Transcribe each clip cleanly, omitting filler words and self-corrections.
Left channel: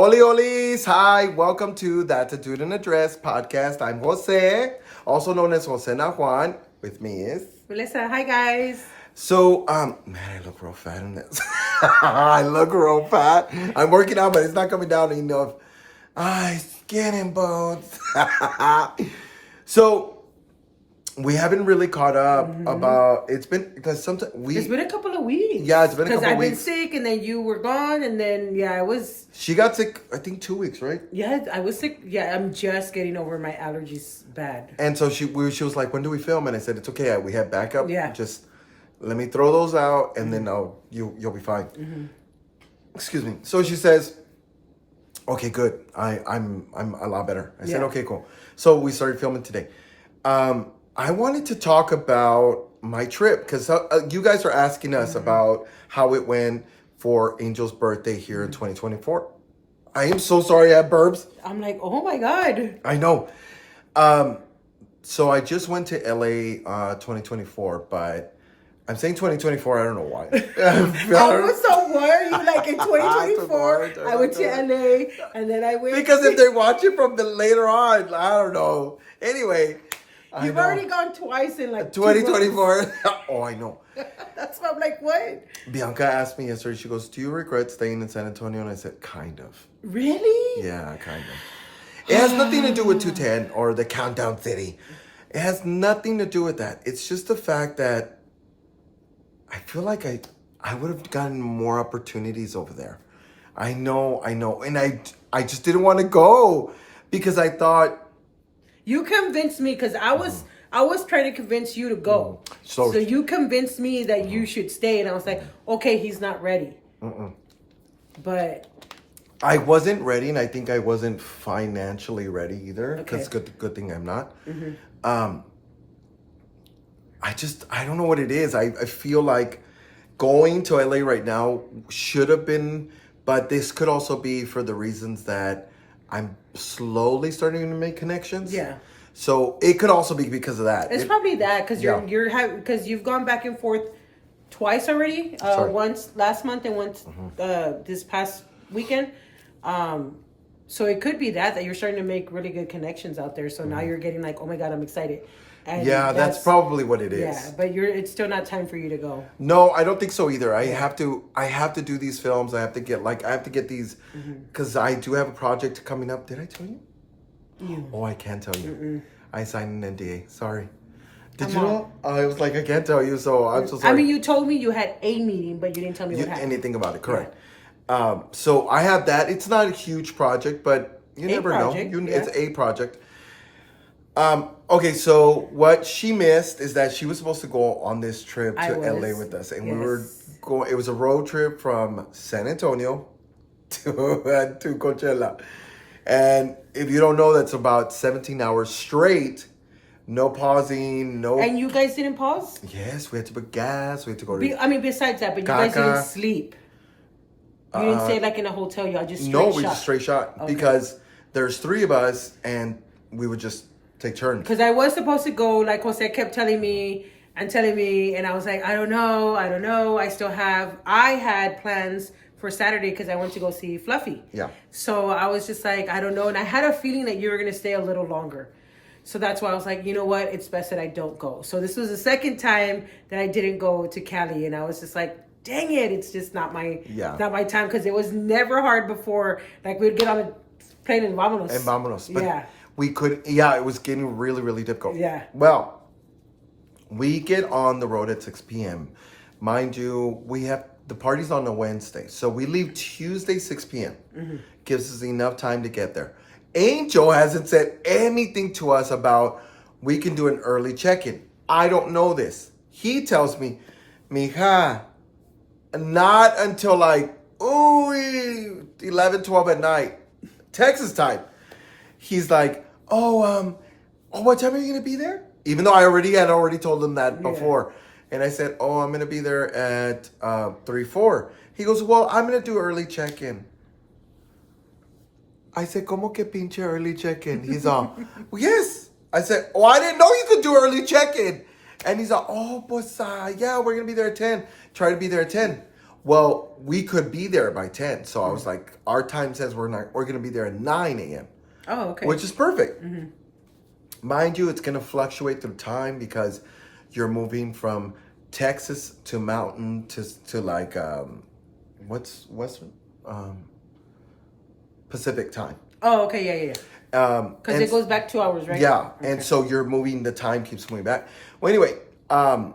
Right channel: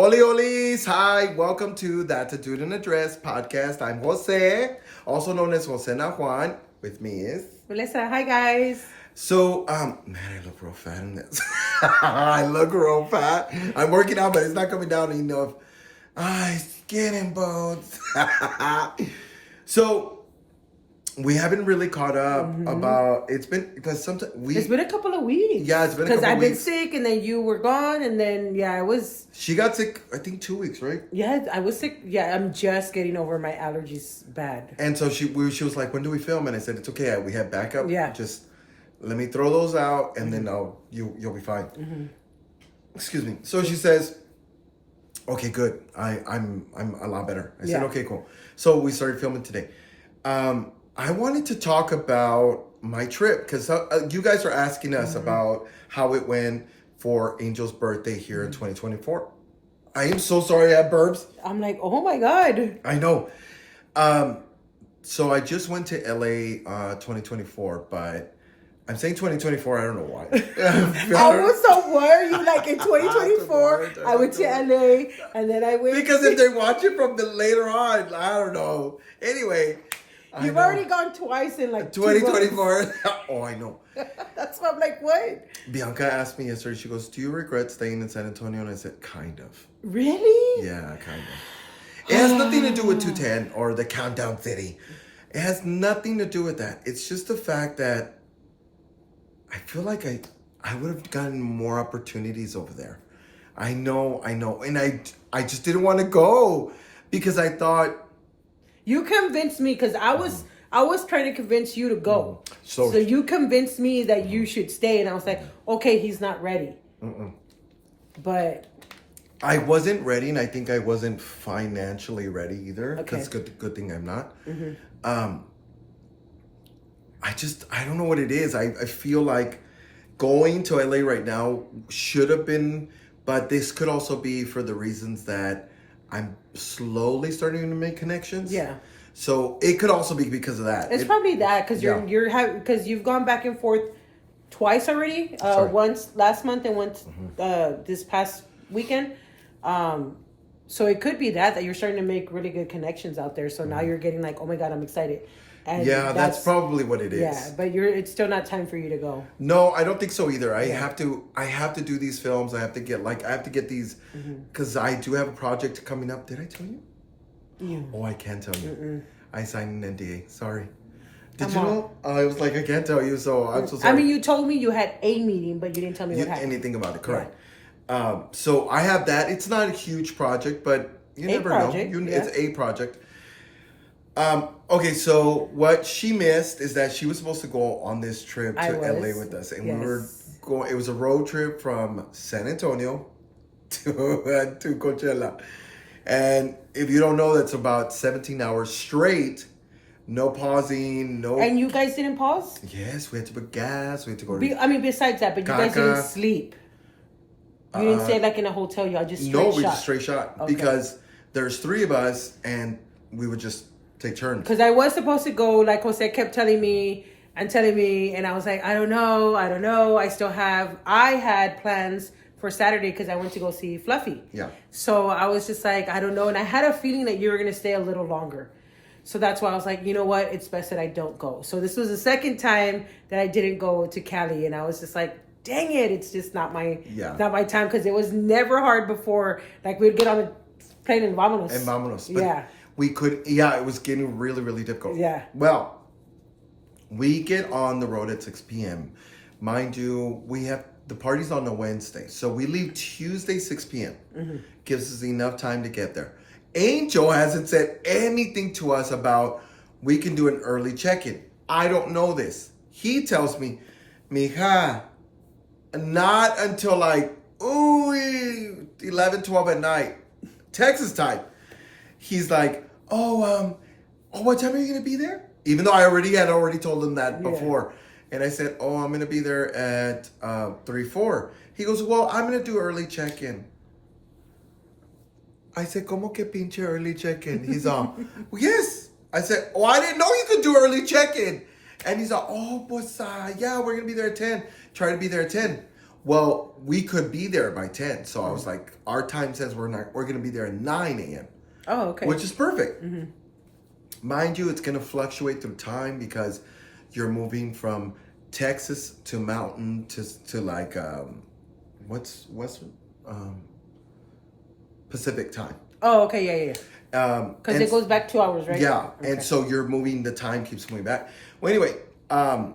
Oli Olis, hi, welcome to That's a Dude in a Dress podcast. I'm Jose, also known as Jose Na Juan. With me is Melissa, hi guys. So, man, I look real fat in this. I look real fat. I'm working out, but it's not coming down enough. Skin and bones. So, we haven't really caught up about. It's been because sometimes It's been a couple of weeks. Yeah, it's been a couple of weeks. Because I've been sick, and then you were gone, and then I was. She got sick. I think 2 weeks, right? Yeah, I was sick. Yeah, I'm just getting over my allergies bad. And so she was like, "When do we film?" And I said, "It's okay. We have backup. Yeah. Just let me throw those out, and then you'll be fine." Excuse me. So she says, "Okay, good. I'm a lot better." I said, "Okay, cool." So we started filming today. I wanted to talk about my trip because you guys are asking us about how it went for Angel's birthday here in 2024. I am so sorry I had burps. I'm like, oh my God. I know. So I just went to LA 2024, but I'm saying 2024, I don't know why. I was so why you like in 2024? I went to LA and then I went. Because if they watch it from the later on, I don't know. Anyway. You've already gone twice in like 2024. Oh, I know. That's what I'm like, what? Bianca asked me yesterday, she goes, "Do you regret staying in San Antonio?" And I said, kind of. Really? Yeah, kind of. It has nothing to do with 210 or the Countdown City. It has nothing to do with that. It's just the fact that I feel like I would have gotten more opportunities over there. I know. And I just didn't want to go because I thought, you convinced me because I was trying to convince you to go. So you convinced me that you should stay, and I was like, okay, he's not ready. But I wasn't ready, and I think I wasn't financially ready either. Because good thing I'm not. I don't know what it is. I feel like going to LA right now should have been, but this could also be for the reasons that I'm slowly starting to make connections. Yeah. So it could also be because of that. It's probably that because because you've gone back and forth twice already. Once last month and once this past weekend. So it could be that you're starting to make really good connections out there. So now you're getting like, oh my God, I'm excited. And yeah, that's probably what it is. Yeah, but it's still not time for you to go. No, I don't think so either. I have to do these films. I have to get these because I do have a project coming up. Did I tell you? Yeah. Oh, I can't tell you. I signed an NDA. Sorry. Did you know? I was like, I can't tell you, so I'm so sorry. I mean, you told me you had a meeting, but you didn't tell me what happened. Anything about it, correct. Yeah. So I have that. It's not a huge project, but you never know. It's a project. Okay, so what she missed is that she was supposed to go on this trip to LA with us. And we were going, it was a road trip from San Antonio to Coachella. And if you don't know, that's about 17 hours straight. No pausing, no. And you guys didn't pause? Yes, we had to put gas. We had to go besides that, but you guys didn't sleep. You didn't stay like in a hotel. Y'all just straight shot. No, we just straight shot. Okay. Because there's 3 of us and we would just take turns. Because I was supposed to go, like Jose kept telling me, and I was like, I don't know. I had plans for Saturday because I went to go see Fluffy. Yeah. So I was just like, I don't know. And I had a feeling that you were going to stay a little longer. So that's why I was like, you know what? It's best that I don't go. So this was the second time that I didn't go to Cali. And I was just like, dang it. It's just not my time. Because it was never hard before. Like we'd get on a plane and vámonos. But we could, it was getting really, really difficult. Yeah. Well, we get on the road at 6 p.m. Mind you, the party's on a Wednesday. So we leave Tuesday, 6 p.m. Gives us enough time to get there. Angel hasn't said anything to us about we can do an early check-in. I don't know this. He tells me, mija, not until like, 11, 12 at night, Texas time. He's like, what time are you going to be there? Even though I already told him that before. And I said, I'm going to be there at 3-4. He goes, well, I'm going to do early check-in. I said, ¿Cómo que pinche early check-in? He's all, well, yes. I said, I didn't know you could do early check-in. And he's all, pues, yeah, we're going to be there at 10. Try to be there at 10. Well, we could be there by 10. So I was like, our time says we're going to be there at 9 a.m. Oh, okay. Which is perfect. Mind you, it's going to fluctuate through time because you're moving from Texas to Mountain to like, what's Pacific time. Oh, okay. Yeah. Because it goes back 2 hours, right? Yeah. Okay. And so you're moving, the time keeps moving back. Well, anyway,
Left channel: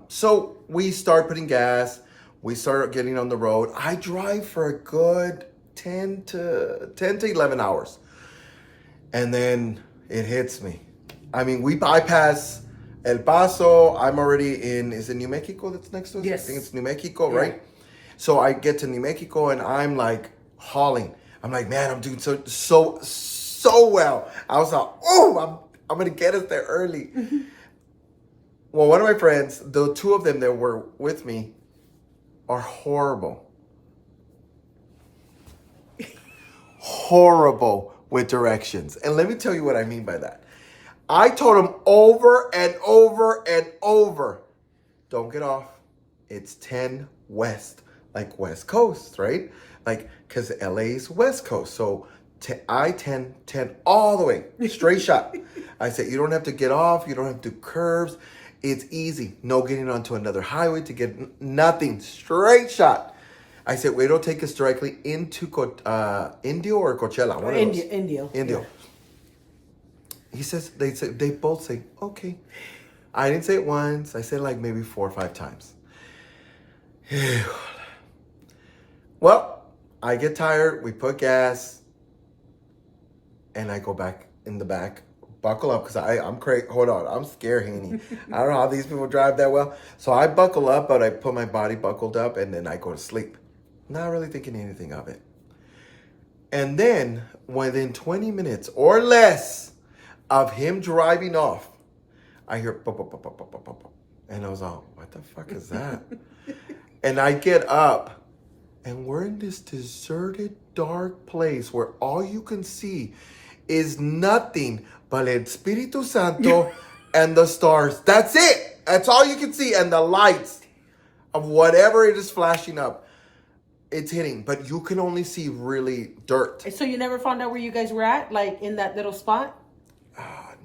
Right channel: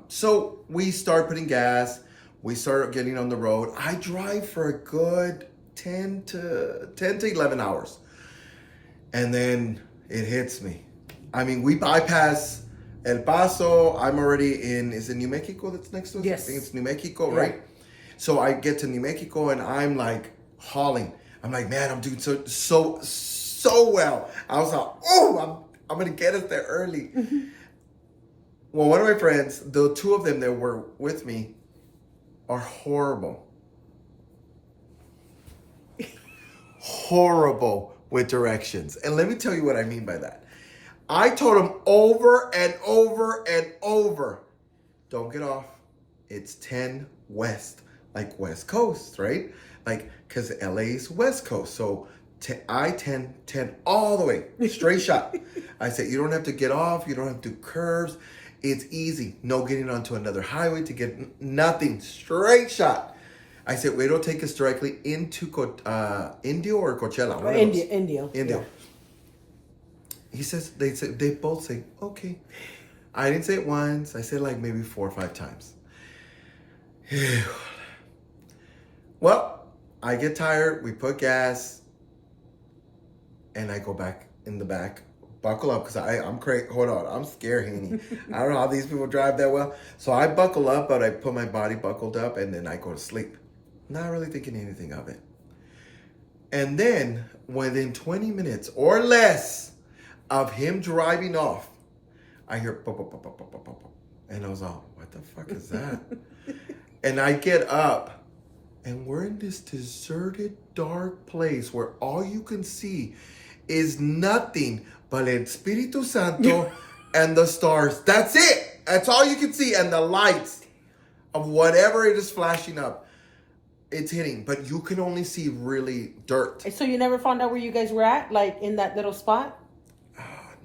so we start putting gas. We start getting on the road. I drive for a good 10 to 11 hours. And then it hits me. I mean, we bypass El Paso. I'm already in, is it New Mexico that's next to us? Yes. I think it's New Mexico, right? So I get to New Mexico and I'm like hauling. I'm like, man, I'm doing so well. I was like, oh, I'm going to get us there early. Well, one of my friends, the two of them that were with me, are horrible. Horrible with directions. And let me tell you what I mean by that. I told them over and over and over, don't get off. It's 10 West, like West Coast, right? Like, because LA is West Coast. So I-10, 10 all the way, straight shot. I said, you don't have to get off. You don't have to do curves. It's easy. No getting onto another highway to get nothing. Straight shot. I said, wait, it'll take us directly into Indio or Coachella? Or Indio. Yeah. He says, they both say, okay. I didn't say it once. I said like maybe 4 or 5 times. Well, I get tired. We put gas. And I go back in the back. Buckle up, because I'm crazy. Hold on, I'm scared, Haney. I don't know how these people drive that well. So I buckle up, but I put my body buckled up, and then I go to sleep. Not really thinking anything of it. And then, within 20 minutes or less of him driving off, I hear pop, pop, pop, pop, pop, pop, pop. And I was all, what the fuck is that? And I get up, and we're in this deserted, dark place where all you can see is nothing but El Espíritu Santo and the stars. That's it. That's all you can see. And the lights of whatever it is flashing up, it's hitting. But you can only see really dirt. So you never found out where you guys were at? Like in that little spot?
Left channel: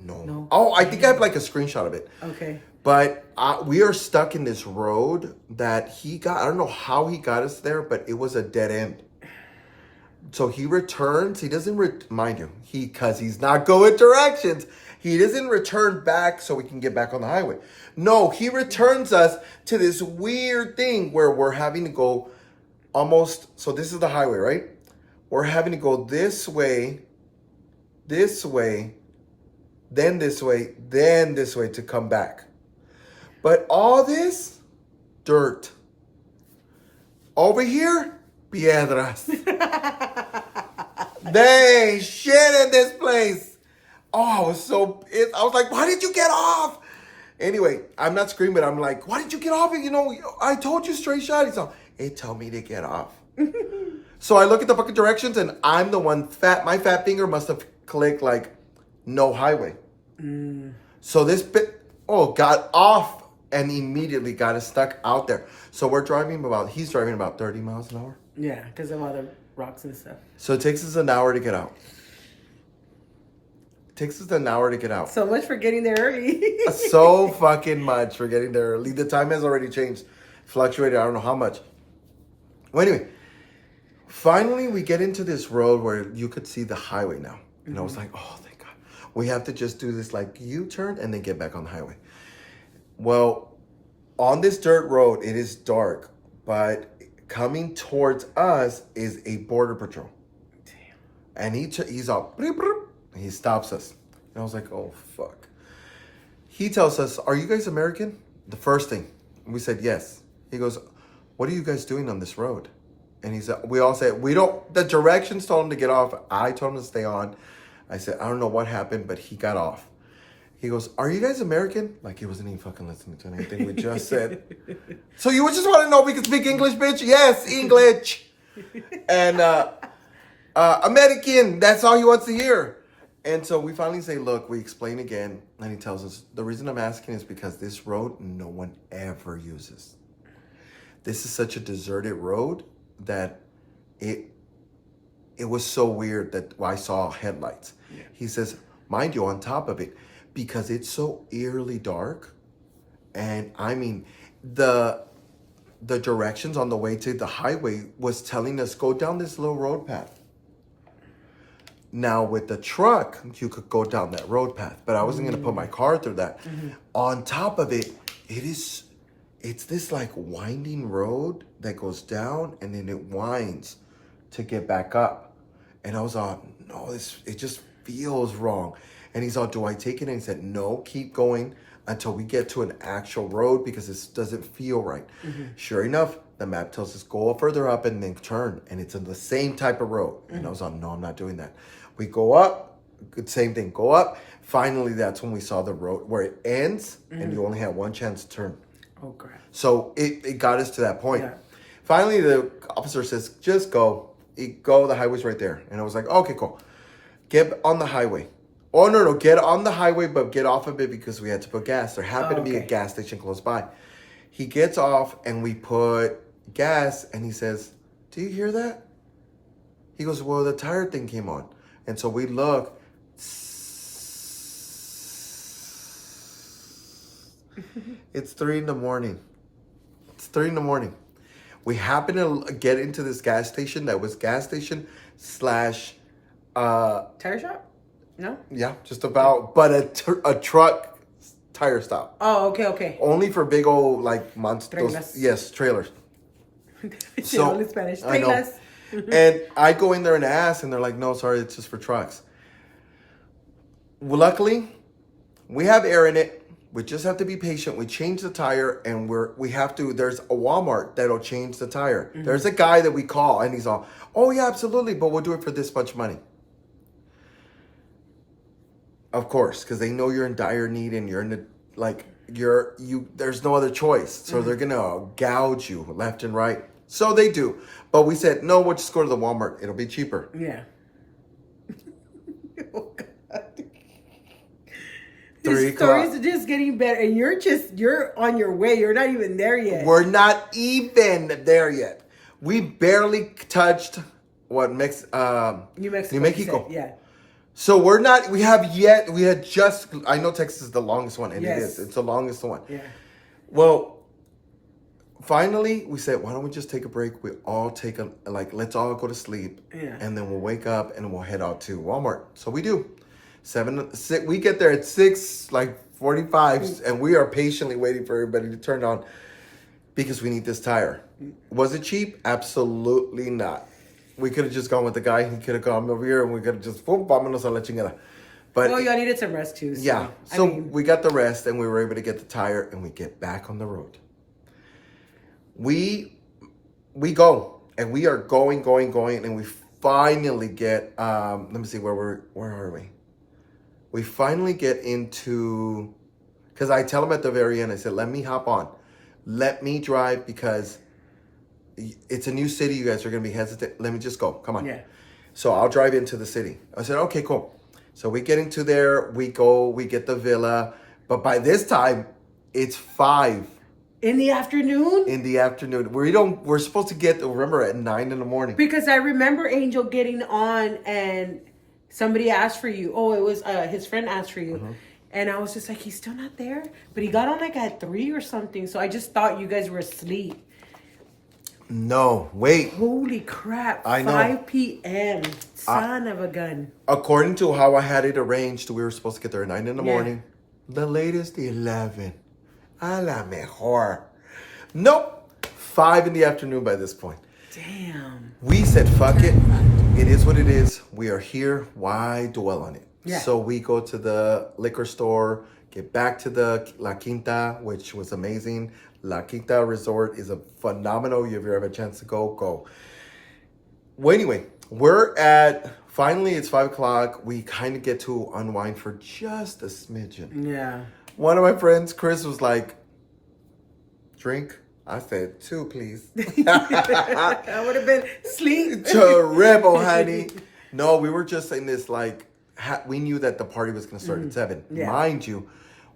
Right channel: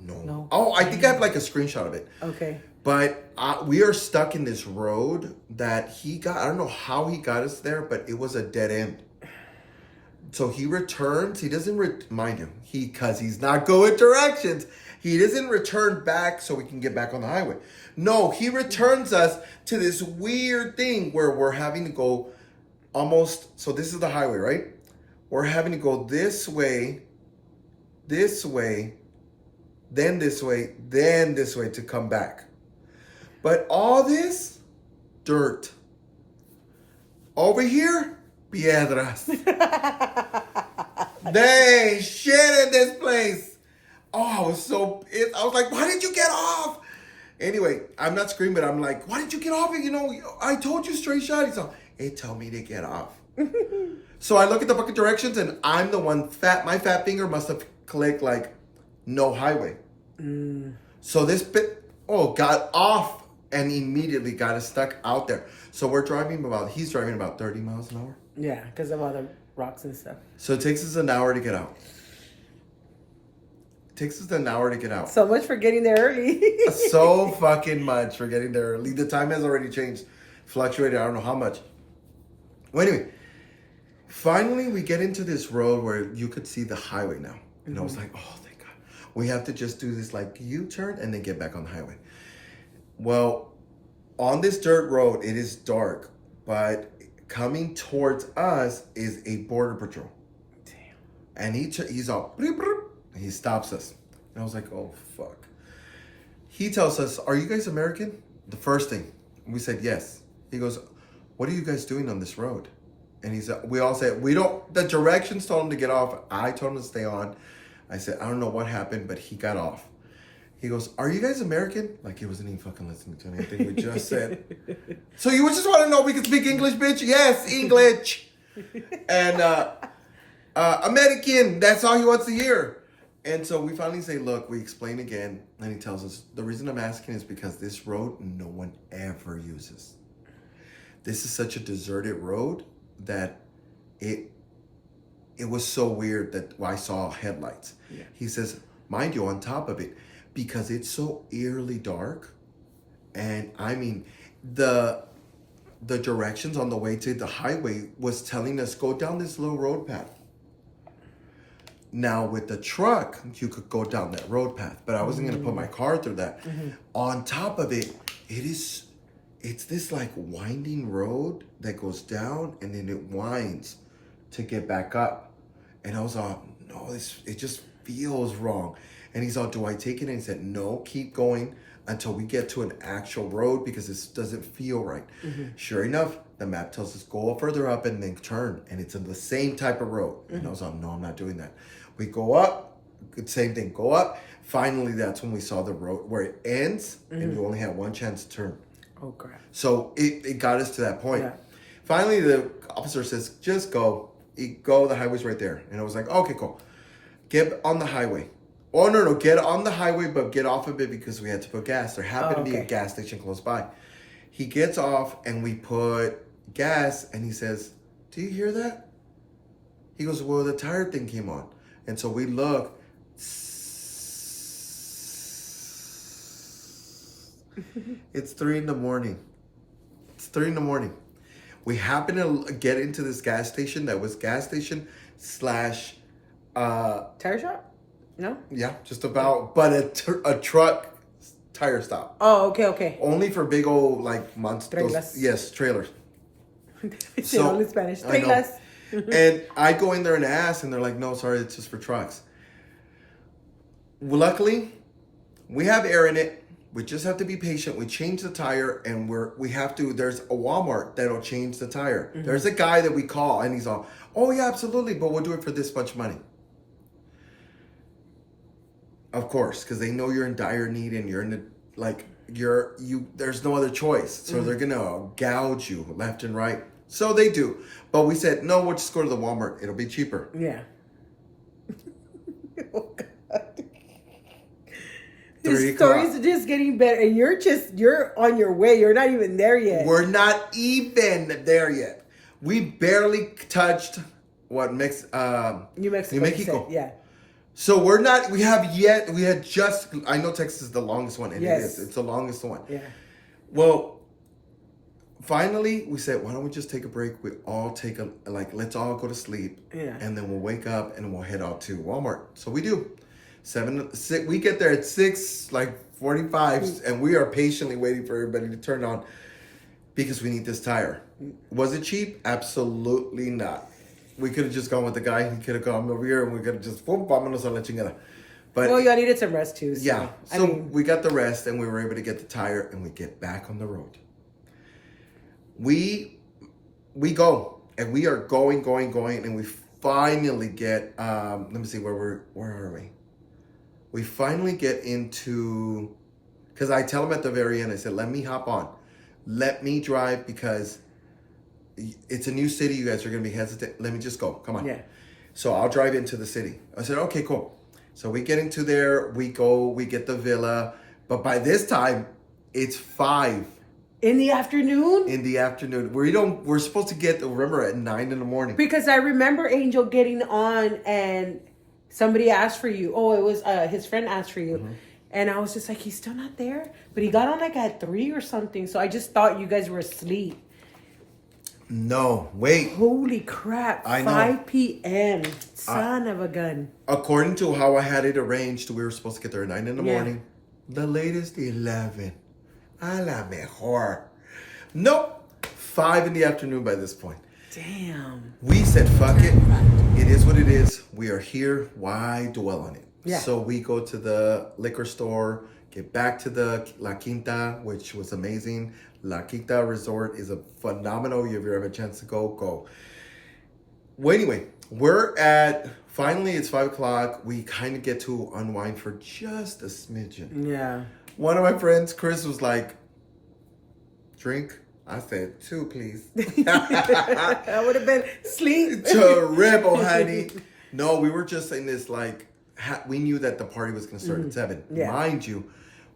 No. Oh, I think I have like a screenshot of it. Okay. But we are stuck in this road that he got. I don't know how he got us there, but it was a dead end. So he returns. He doesn't mind you. Because he's not going directions. He doesn't return back so we can get back on the highway. No, he returns us to this weird thing where we're having to go almost. So this is the highway, right? We're having to go this way, then this way, then this way to come back. But all this dirt. Over here, piedras. They shit in this place. Oh, I was like, why did you get off? Anyway, I'm not screaming. I'm like, why did you get off? You know, I told you straight shot. He's like, it told me to get off. So I look at the fucking directions and I'm the one my fat finger must have clicked like no highway. So this got off and immediately got us stuck out there. So he's driving about 30 miles an hour. Yeah, because of all the rocks and stuff. So it takes us an hour to get out. So much for getting there early. So fucking much for getting there early. The time has already changed. Fluctuated, I don't know how much. Well, anyway, finally we get into this road where you could see the highway now. And I was like, oh, thank God. We have to just do this like U-turn and then get back on the highway. Well, on this dirt road, it is dark, but coming towards us is a border patrol. Damn. And he's all, and he stops us. And I was like, oh, fuck. He tells us, are you guys American? The first thing. And we said, yes. He goes, what are you guys doing on this road? And he said, we all said, the directions told him to get off. I told him to stay on. I said, I don't know what happened, but he got off. He goes, are you guys American? Like he wasn't even fucking listening to anything we just said. So you just want to know if we can speak English, bitch? Yes, English. And American, that's all he wants to hear. And so we finally say, look, we explain again. And he tells us, the reason I'm asking is because this road, no one ever uses. This is such a deserted road. that it was so weird that I saw headlights. Yeah. He says, mind you, on top of it, because it's so eerily dark, and I mean, the directions on the way to the highway was telling us go down this little road path. Now with the truck, you could go down that road path, but I wasn't going to put my car through that. On top of it, it's this like winding road that goes down and then it winds to get back up. And I was all, no, it just feels wrong. And he's all, do I take it? And he said, no, keep going until we get to an actual road because this doesn't feel right. Sure enough, the map tells us go further up and then turn. And it's in the same type of road. And I was all, no, I'm not doing that. We go up, same thing, go up. Finally, that's when we saw the road where it ends and you only have one chance to turn. Oh, crap. So it got us to that point. Yeah. Finally, the officer says, just go. Go, the highway's right there. And I was like, okay, cool. Get on the highway. Oh, no, get on the highway, but get off of it because we had to put gas. There happened to be a gas station close by. He gets off and we put gas and he says, do you hear that? He goes, well, the tire thing came on. And so we look. It's 3 a.m. It's 3 a.m. We happen to get into this gas station that was gas station / tire shop? No? Yeah, just about. But a truck tire stop. Oh, okay. Only for big old like monsters. Trailers. Yes, trailers. So in Spanish. Trailers. And I go in there and ask, and they're like, no, sorry, it's just for trucks. Well, luckily, we have air in it. We just have to be patient. We change the tire, and there's a Walmart that'll change the tire. There's a guy that we call, and he's all, oh, yeah, absolutely, but we'll do it for this much money. Of course, because they know you're in dire need, and you're in the, there's no other choice. So they're going to gouge you left and right. So they do. But we said, no, we'll just go to the Walmart. It'll be cheaper. Yeah. Oh, God. 3 His stories are just getting better. And you're on your way. You're not even there yet. We're not even there yet. We barely touched New Mexico. Yeah. So I know Texas is the longest one, and it is. It's the longest one. Yeah. Well, finally, we said, why don't we just take a break? We all let's all go to sleep. Yeah. And then we'll wake up and we'll head out to Walmart. So we do. 6, we get there at 6:45, and we are patiently waiting for everybody to turn on because we need this tire. Was it cheap? Absolutely not. We could have just gone with the guy. He could have gone over here, and we could have just vámonos a la chingada. But y'all needed some rest too. So, yeah. So we got the rest, and we were able to get the tire, and we get back on the road. We go, and we are going, and we finally get. Let me see where are we? We finally get into, because I tell him at the very end, I said, let me hop on. Let me drive because it's a new city. You guys are going to be hesitant. Let me just go. Come on. Yeah. So I'll drive into the city. I said, okay, cool. So we get into there. We go. We get the villa. But by this time, it's 5. In the afternoon? In the afternoon. We're supposed to get, remember, at 9 in the morning. Because I remember Angel getting on and somebody asked for you. Oh, it was his friend asked for you. And I was just like, he's still not there? But he got on like at 3 or something. So I just thought you guys were asleep. No, wait. Holy crap. I know. 5 p.m. Son of a gun. According to how I had it arranged, we were supposed to get there at 9 in the morning. The latest, 11. A la mejor. Nope. 5 in the afternoon by this point. Damn. We said, fuck it. It is what it is. We are here. Why dwell on it? Yeah. So we go to the liquor store, get back to the La Quinta, which was amazing. La Quinta Resort is a phenomenal. If you ever have a chance to go. Well, anyway, finally it's 5 o'clock. We kind of get to unwind for just a smidgen. Yeah. One of my friends, Chris, was like, drink? I said, 2, please. I would have been sleep. Terrible, honey. No, we were just in this, we knew that the party was going to start at 7. Yeah. Mind you,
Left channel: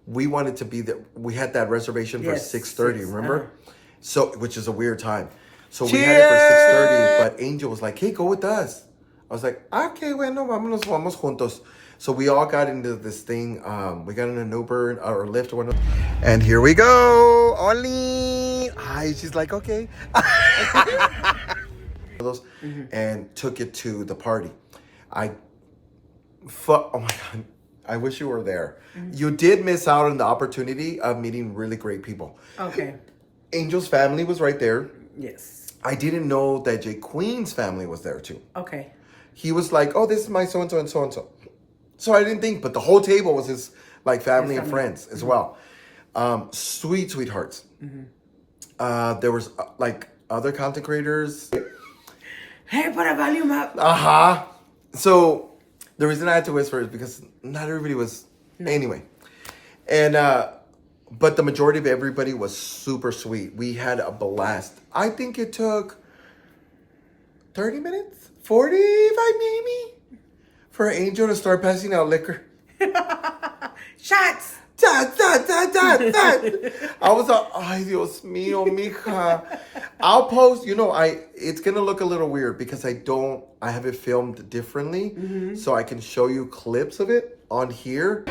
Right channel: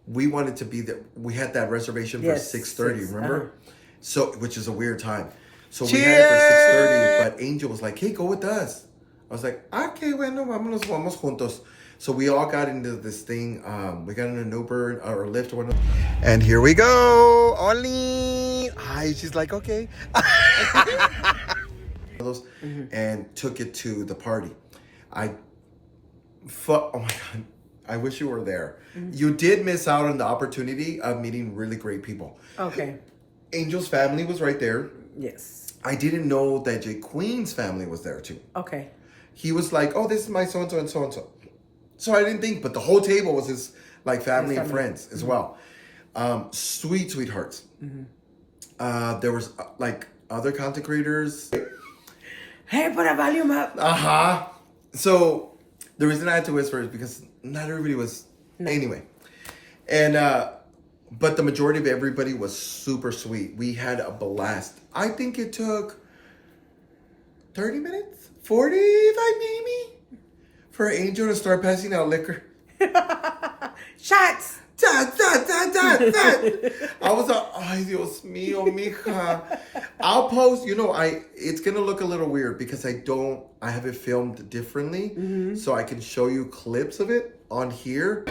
we wanted to be there. We had that reservation for 6:30, remember? So, which is a weird time. So we had it for 6:30, but Angel was like, hey, go with us. I was like, okay, bueno, vamos juntos. So we all got into this thing. We got in an Uber or Lyft or whatever. And here we go. Oli. Hi, she's like, okay. And took it to the party. Oh my God. I wish you were there. You did miss out on the opportunity of meeting really great people. Okay. Angel's family was right there. Yes. I didn't know that Jay Queen's family was there too. Okay. He was like, oh, this is my so-and-so and so-and-so. So I didn't think, but the whole table was his like family and friends as well. Sweet, sweethearts. There was like other content creators. Hey, put a volume up. So the reason I had to whisper is because not everybody was anyway. And but the majority of everybody was super sweet. We had a blast. I think it took 30 minutes, 45 maybe, for Angel to start passing out liquor. Shots. Dad. I was like, ay, Dios mío, mija. I'll post, it's going to look a little weird because I have it filmed differently. So I can show you clips of it on here.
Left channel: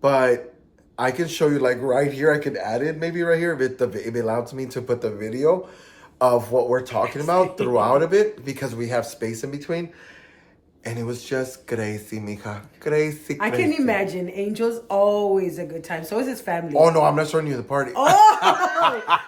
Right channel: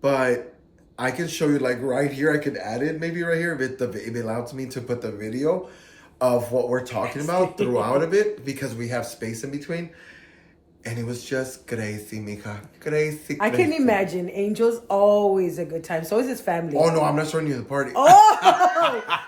But I can show you like right here. I can add it maybe right here if it allows me to put the video of what we're talking about throughout of it because we have space in between. And it was just crazy, mija. Crazy. I can imagine. Angel's always a good time. So is his family. Oh, no, I'm not showing you the party. Oh!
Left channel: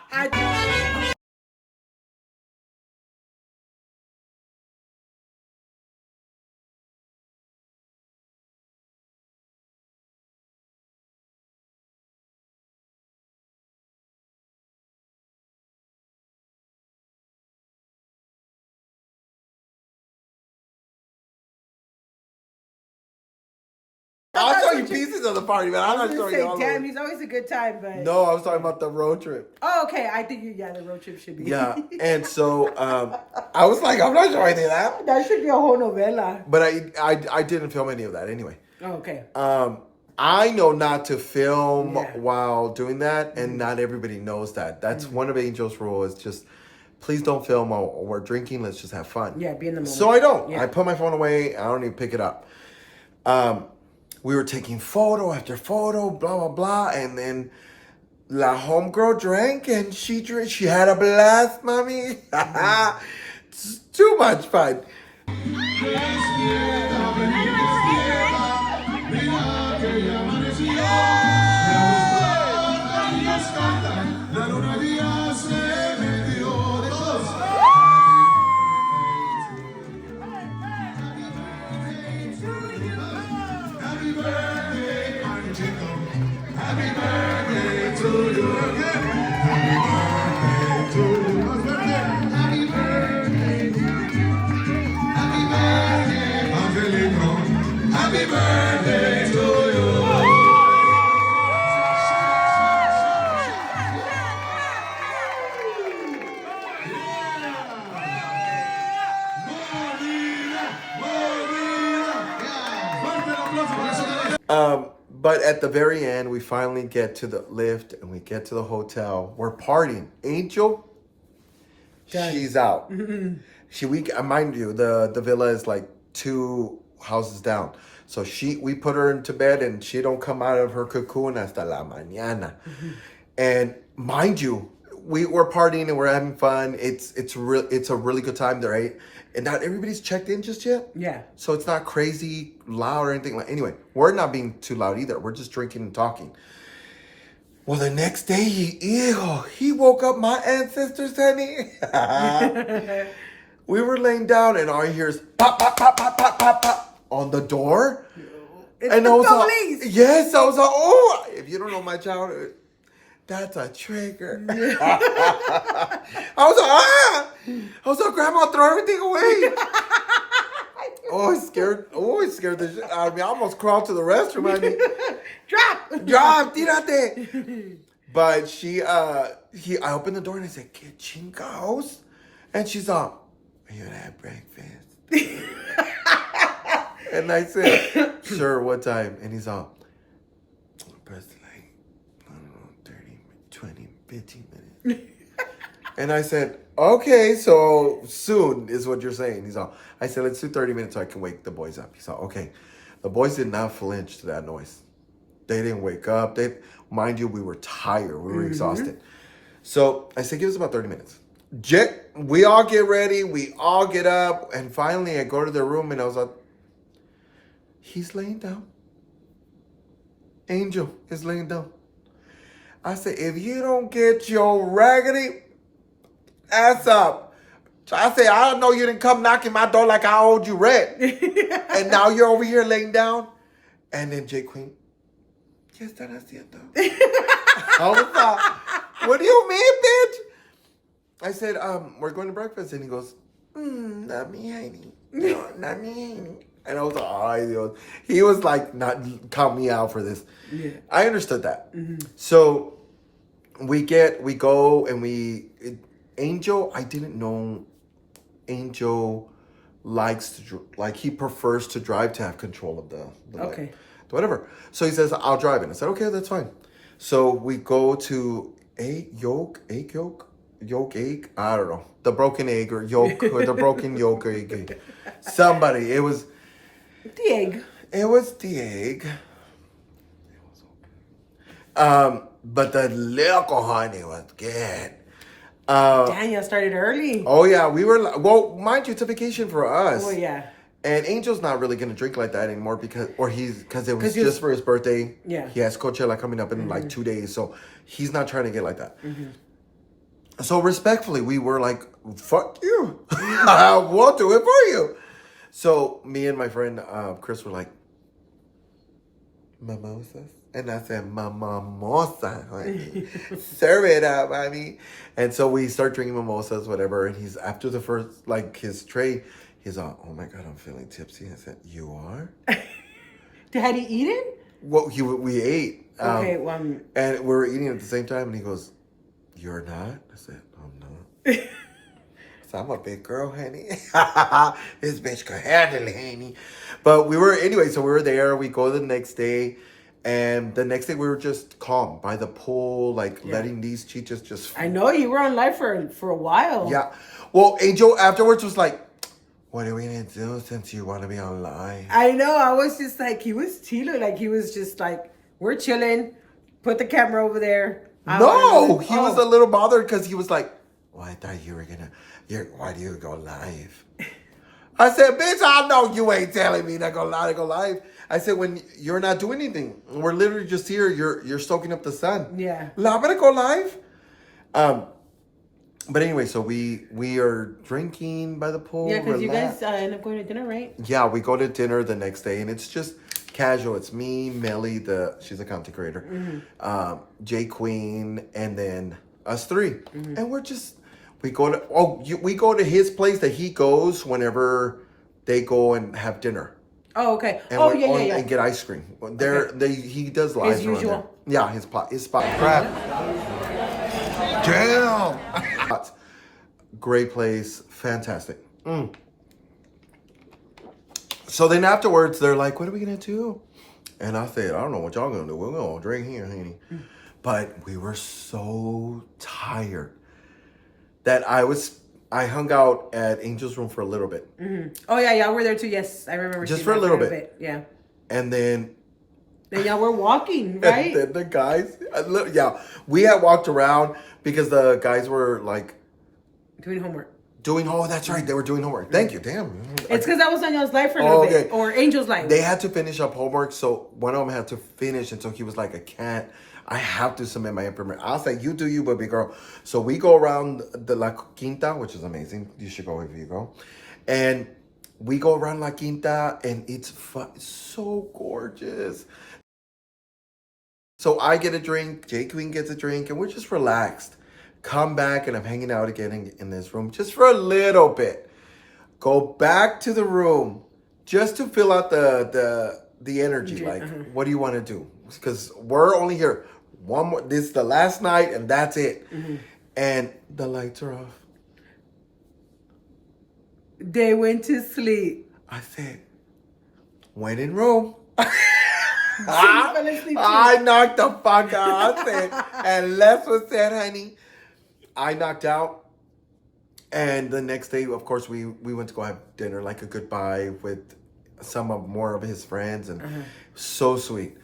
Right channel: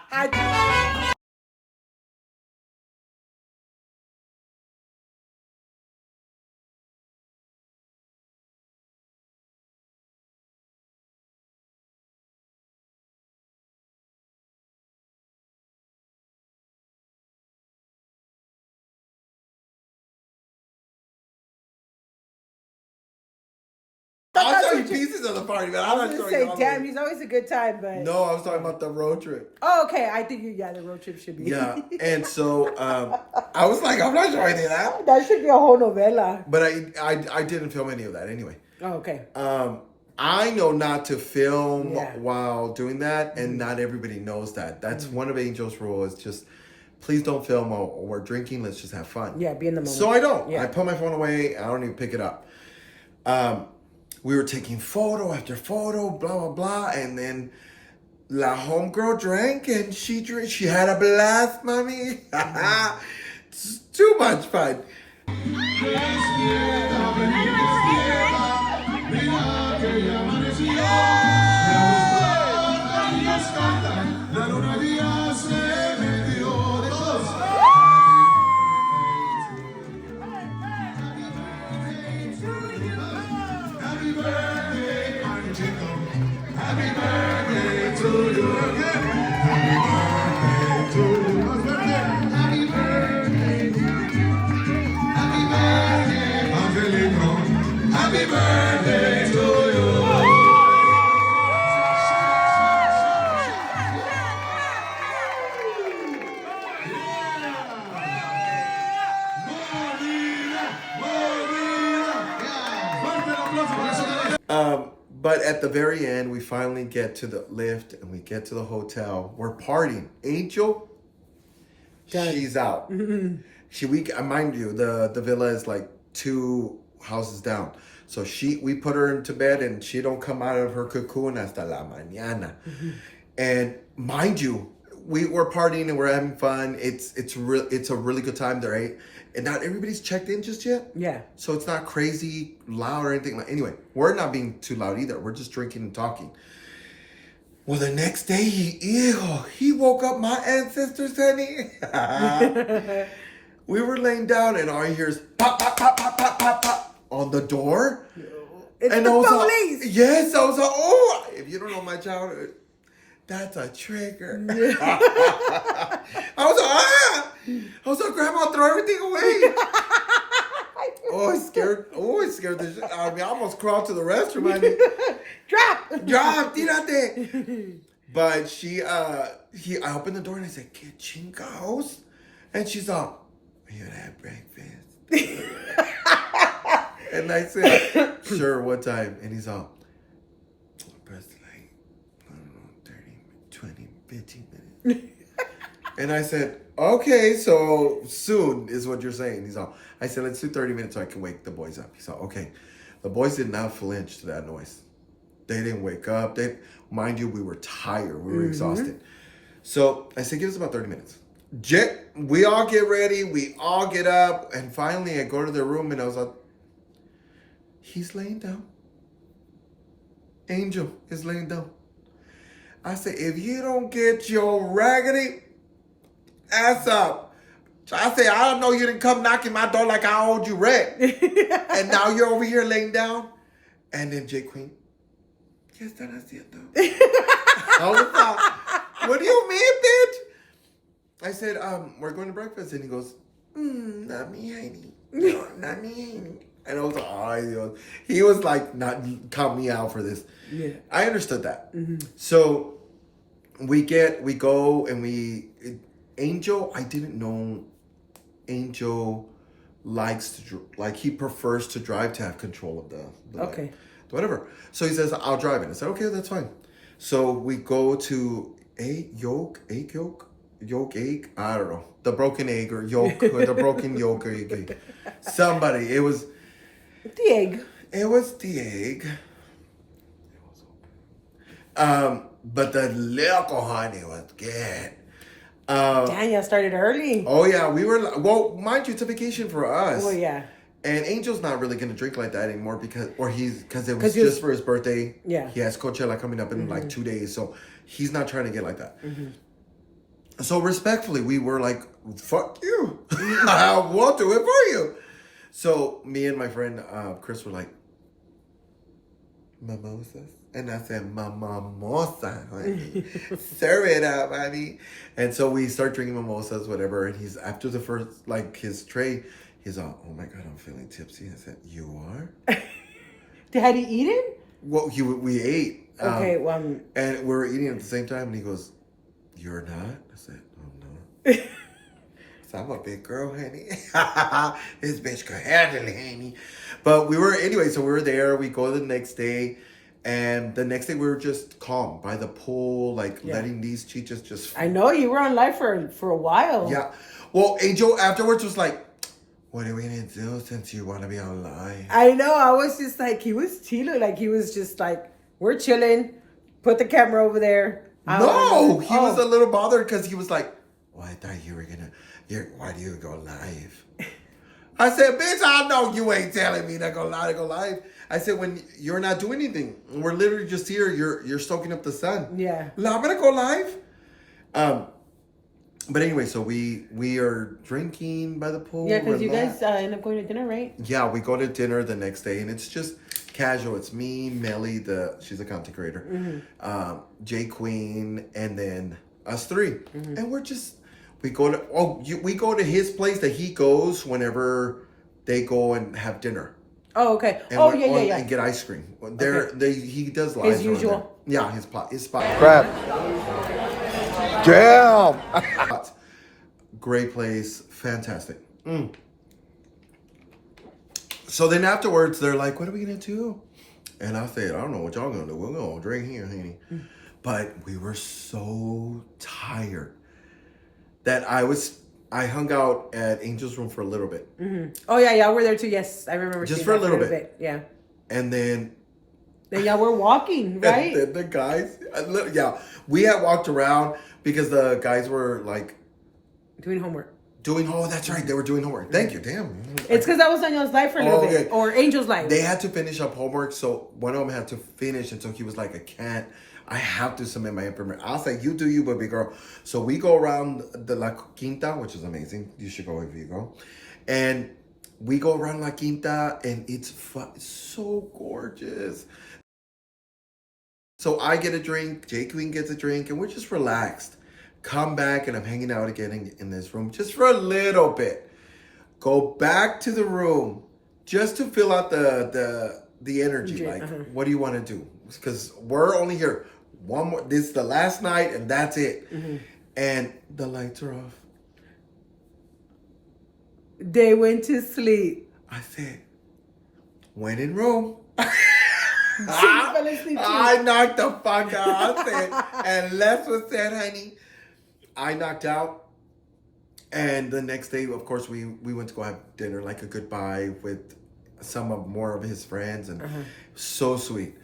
I'll show you pieces of the party, man. I'm not I was showing going you to say, all damn, of it. he's always a good time, but... No, I was talking about the road trip. Oh, okay. I think, the road trip should be... Yeah, and so I was like, I'm not showing you that. That should be a whole novella. But I didn't film any of that anyway. Oh, okay. I know not to film while doing that, and not everybody knows that. That's one of Angel's rules. Just please don't film while we're drinking. Let's just have fun. Yeah, be in the moment. So I don't. Yeah. I put my phone away. I don't even pick it up. We were taking photo after photo, blah, blah, blah. And then La homegirl drank and she had a blast, mommy. It's too much fun. But at the very end, we finally get to the lift and we get to the hotel. We're partying. Angel, she's out. Mind you, the villa is like 2 houses down. So we put her into bed and she don't come out of her cocoon hasta la mañana. And mind you, we're partying and we're having fun. It's a really good time there, right? And not everybody's checked in just yet. Yeah. So it's not crazy loud or anything. Anyway, we're not being too loud either. We're just drinking and talking. Well, the next day, he woke up my ancestors, honey. We were laying down and all you hear is pop, pop, pop, pop, pop, pop, pop on the door. It's and the I was police. like, yes, I was like, oh, if you don't know my childhood, that's a trigger. Yeah. I was like, ah! I was like, Grandma, throw everything away. Oh, it scared the shit out of me. I almost crawled to the restroom. I mean, drop, tírate. But I opened the door and I said, "¿Qué chingados?" And she's like, "You had breakfast." And I said, "Sure, what time?" And he's all, "Press like, I don't know, 30, 20, 15 minutes." And I said, "Okay, so soon is what you're saying." He's all, I said, "Let's do 30 minutes so I can wake the boys up." He's all, "Okay." The boys did not flinch to that noise. They didn't wake up. Mind you, we were tired. We were exhausted. So I said, give us about 30 minutes. We all get ready. We all get up. And finally, I go to the room and I was like, he's laying down. Angel is laying down. I said, if you don't get your raggedy ass up. So I said, I don't know you didn't come knocking my door like I owed you rent. And now you're over here laying down. And then J Queen, ¿qué están haciendo? I was like, what do you mean, bitch? I said, we're going to breakfast. And he goes, not me, honey. No, not me. And I was like, ay, Dios. He was like, not count me out for this. Yeah. I understood that. So we go and Angel, I didn't know Angel likes to, like, he prefers to drive to have control of the okay. Whatever. So he says, I'll drive it. I said, okay, that's fine. So we go to egg yolk, I don't know. The broken egg or yolk, or the broken yolk egg. Somebody, it was the egg. It was the egg. It was okay. But the liquor, honey, was good. Daniel started early. Oh yeah, we were, well, mind you, it's a vacation for us. Oh yeah. And Angel's not really going to drink like that anymore because it was just for his birthday. Yeah. He has Coachella coming up in like 2 days. So he's not trying to get like that. So respectfully, we were like, fuck you. We'll do it for you. So me and my friend Chris were like, mimosas? And I said, mimosa, honey. Serve it up, honey. And so we start drinking mimosas, whatever. And he's, after the first, like, his tray, he's all, oh my God, I'm feeling tipsy. I said, you are? Had he eaten? Well, we ate. Okay, and we were eating at the same time, and he goes, you're not? I said, I'm not. So I'm a big girl, honey. This bitch can handle it, honey. But so we were there. We go the next day. And the next day we were just calm by the pool, like letting these chichas just... I know, you were on live for a while. Yeah. Well, Angel afterwards was like, what are we going to do since you want to be on live? I know. I was just like, he was chilling. Like, he was just like, we're chilling. Put the camera over there. He was a little bothered because he was like, well, I thought you were going to... Why do you go live? I said, bitch, I know you ain't telling me to go live. I said, when you're not doing anything, we're literally just here. You're soaking up the sun. Yeah. I'm gonna go live. But anyway, so we are drinking by the pool. Yeah, because you guys end up going to dinner, right? Yeah, we go to dinner the next day, and it's just casual. It's me, Melly, she's a content creator, J Queen, and then us three, and we go to his place that he goes whenever they go and have dinner. Oh, okay. And yeah. And get ice cream. He does live. As usual. There. Yeah, his spot. Crap. Damn. Great place. Fantastic. So then afterwards, they're like, what are we going to do? And I said, I don't know what y'all going to do. We're going to drink here, honey. But we were so tired that I hung out at Angel's room for a little bit. Oh, yeah, y'all were there too. Yes, I remember. Just for a little bit. Yeah. And then y'all were walking, right? And then the guys, we had walked around because the guys were like... doing homework. Oh, that's right. They were doing homework. Thank you. Damn. It's because I was on y'all's live for a little bit. Or Angel's live. They had to finish up homework, so one of them had to finish, and so he was like, I have to submit my information. I was like, you do you, baby girl. So we go around the La Quinta, which is amazing. You should go if you go. And we go around La Quinta, and it's so gorgeous. So I get a drink, J Queen gets a drink, and we're just relaxed. Come back, and I'm hanging out again in this room just for a little bit. Go back to the room just to fill out the energy. Like, what do you want to do? Because we're only here one more. This is the last night, and that's it. And the lights are off. They went to sleep. I said, went in room. I knocked the fuck out. I said, and Les was said, honey, I knocked out. And the next day, of course, we went to go have dinner, like a goodbye with more of his friends, and so sweet.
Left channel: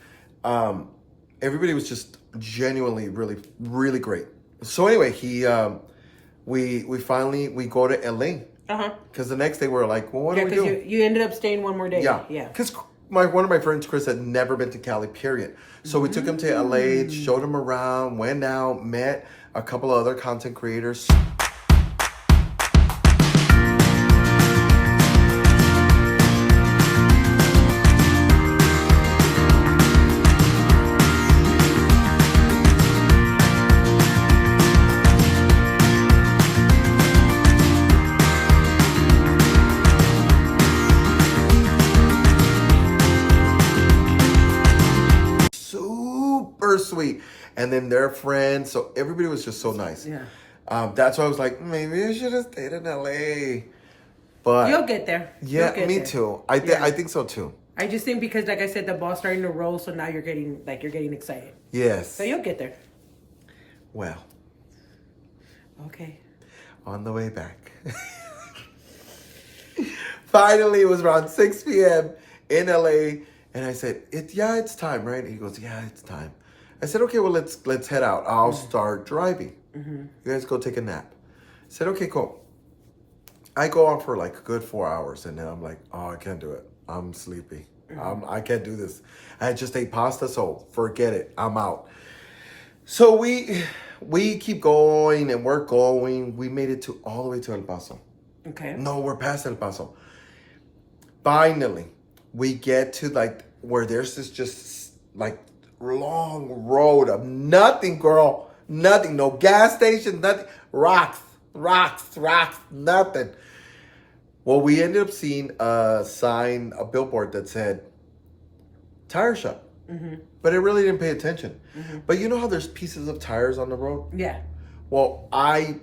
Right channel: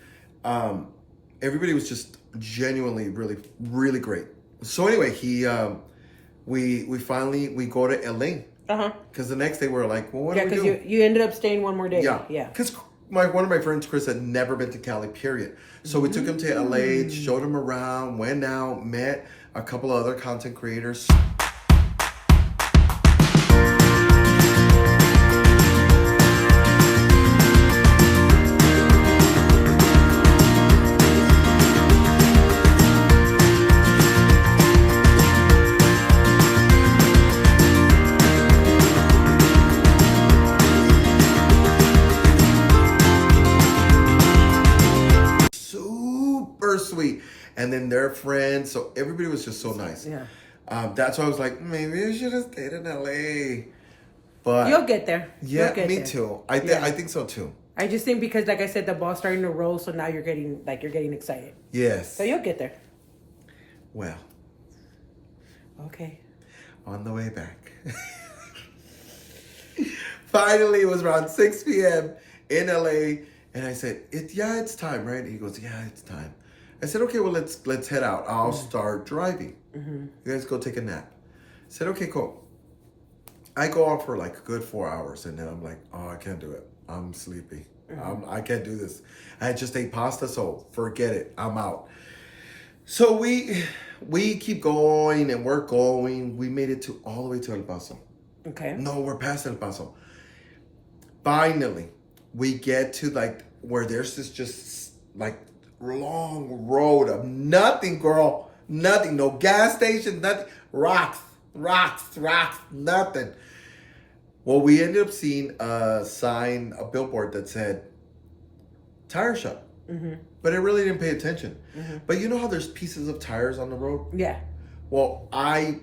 Everybody was just genuinely really, really great. So anyway, we finally go to LA. Because the next day we were like, well, what do we do? Because you ended up staying one more day. Yeah. Because one of my friends, Chris, had never been to Cali, period. So we took him to LA, showed him around, went out, met a couple of other content creators. Sweet, and then their friends, so everybody was just so nice. That's why I was like, maybe I should have stayed in LA, but you'll get there. Me too. I think so too. I just think because, like I said, the ball's starting to roll, so now you're getting excited. Yes. So you'll get there. Well. Okay. On the way back. Finally, it was around 6 p.m. in LA, and I said, it's time, right? And he goes, yeah, it's time. I said, okay, well, let's head out. I'll start driving. You guys go take a nap. I said, okay, cool. I go on for like a good 4 hours, and then I'm like, oh, I can't do it. I'm sleepy. I can't do this. I just ate pasta, so forget it. I'm out. So we keep going, and we're going. We made it all the way to El Paso. Okay. No, we're past El Paso. Finally, we get to like where there's this just like long road of nothing, girl. Nothing. No gas station, nothing. Rocks, nothing. Well, we ended up seeing a billboard that said tire shop. But I really didn't pay attention. But you know how there's pieces of tires on the road? Yeah. Well, I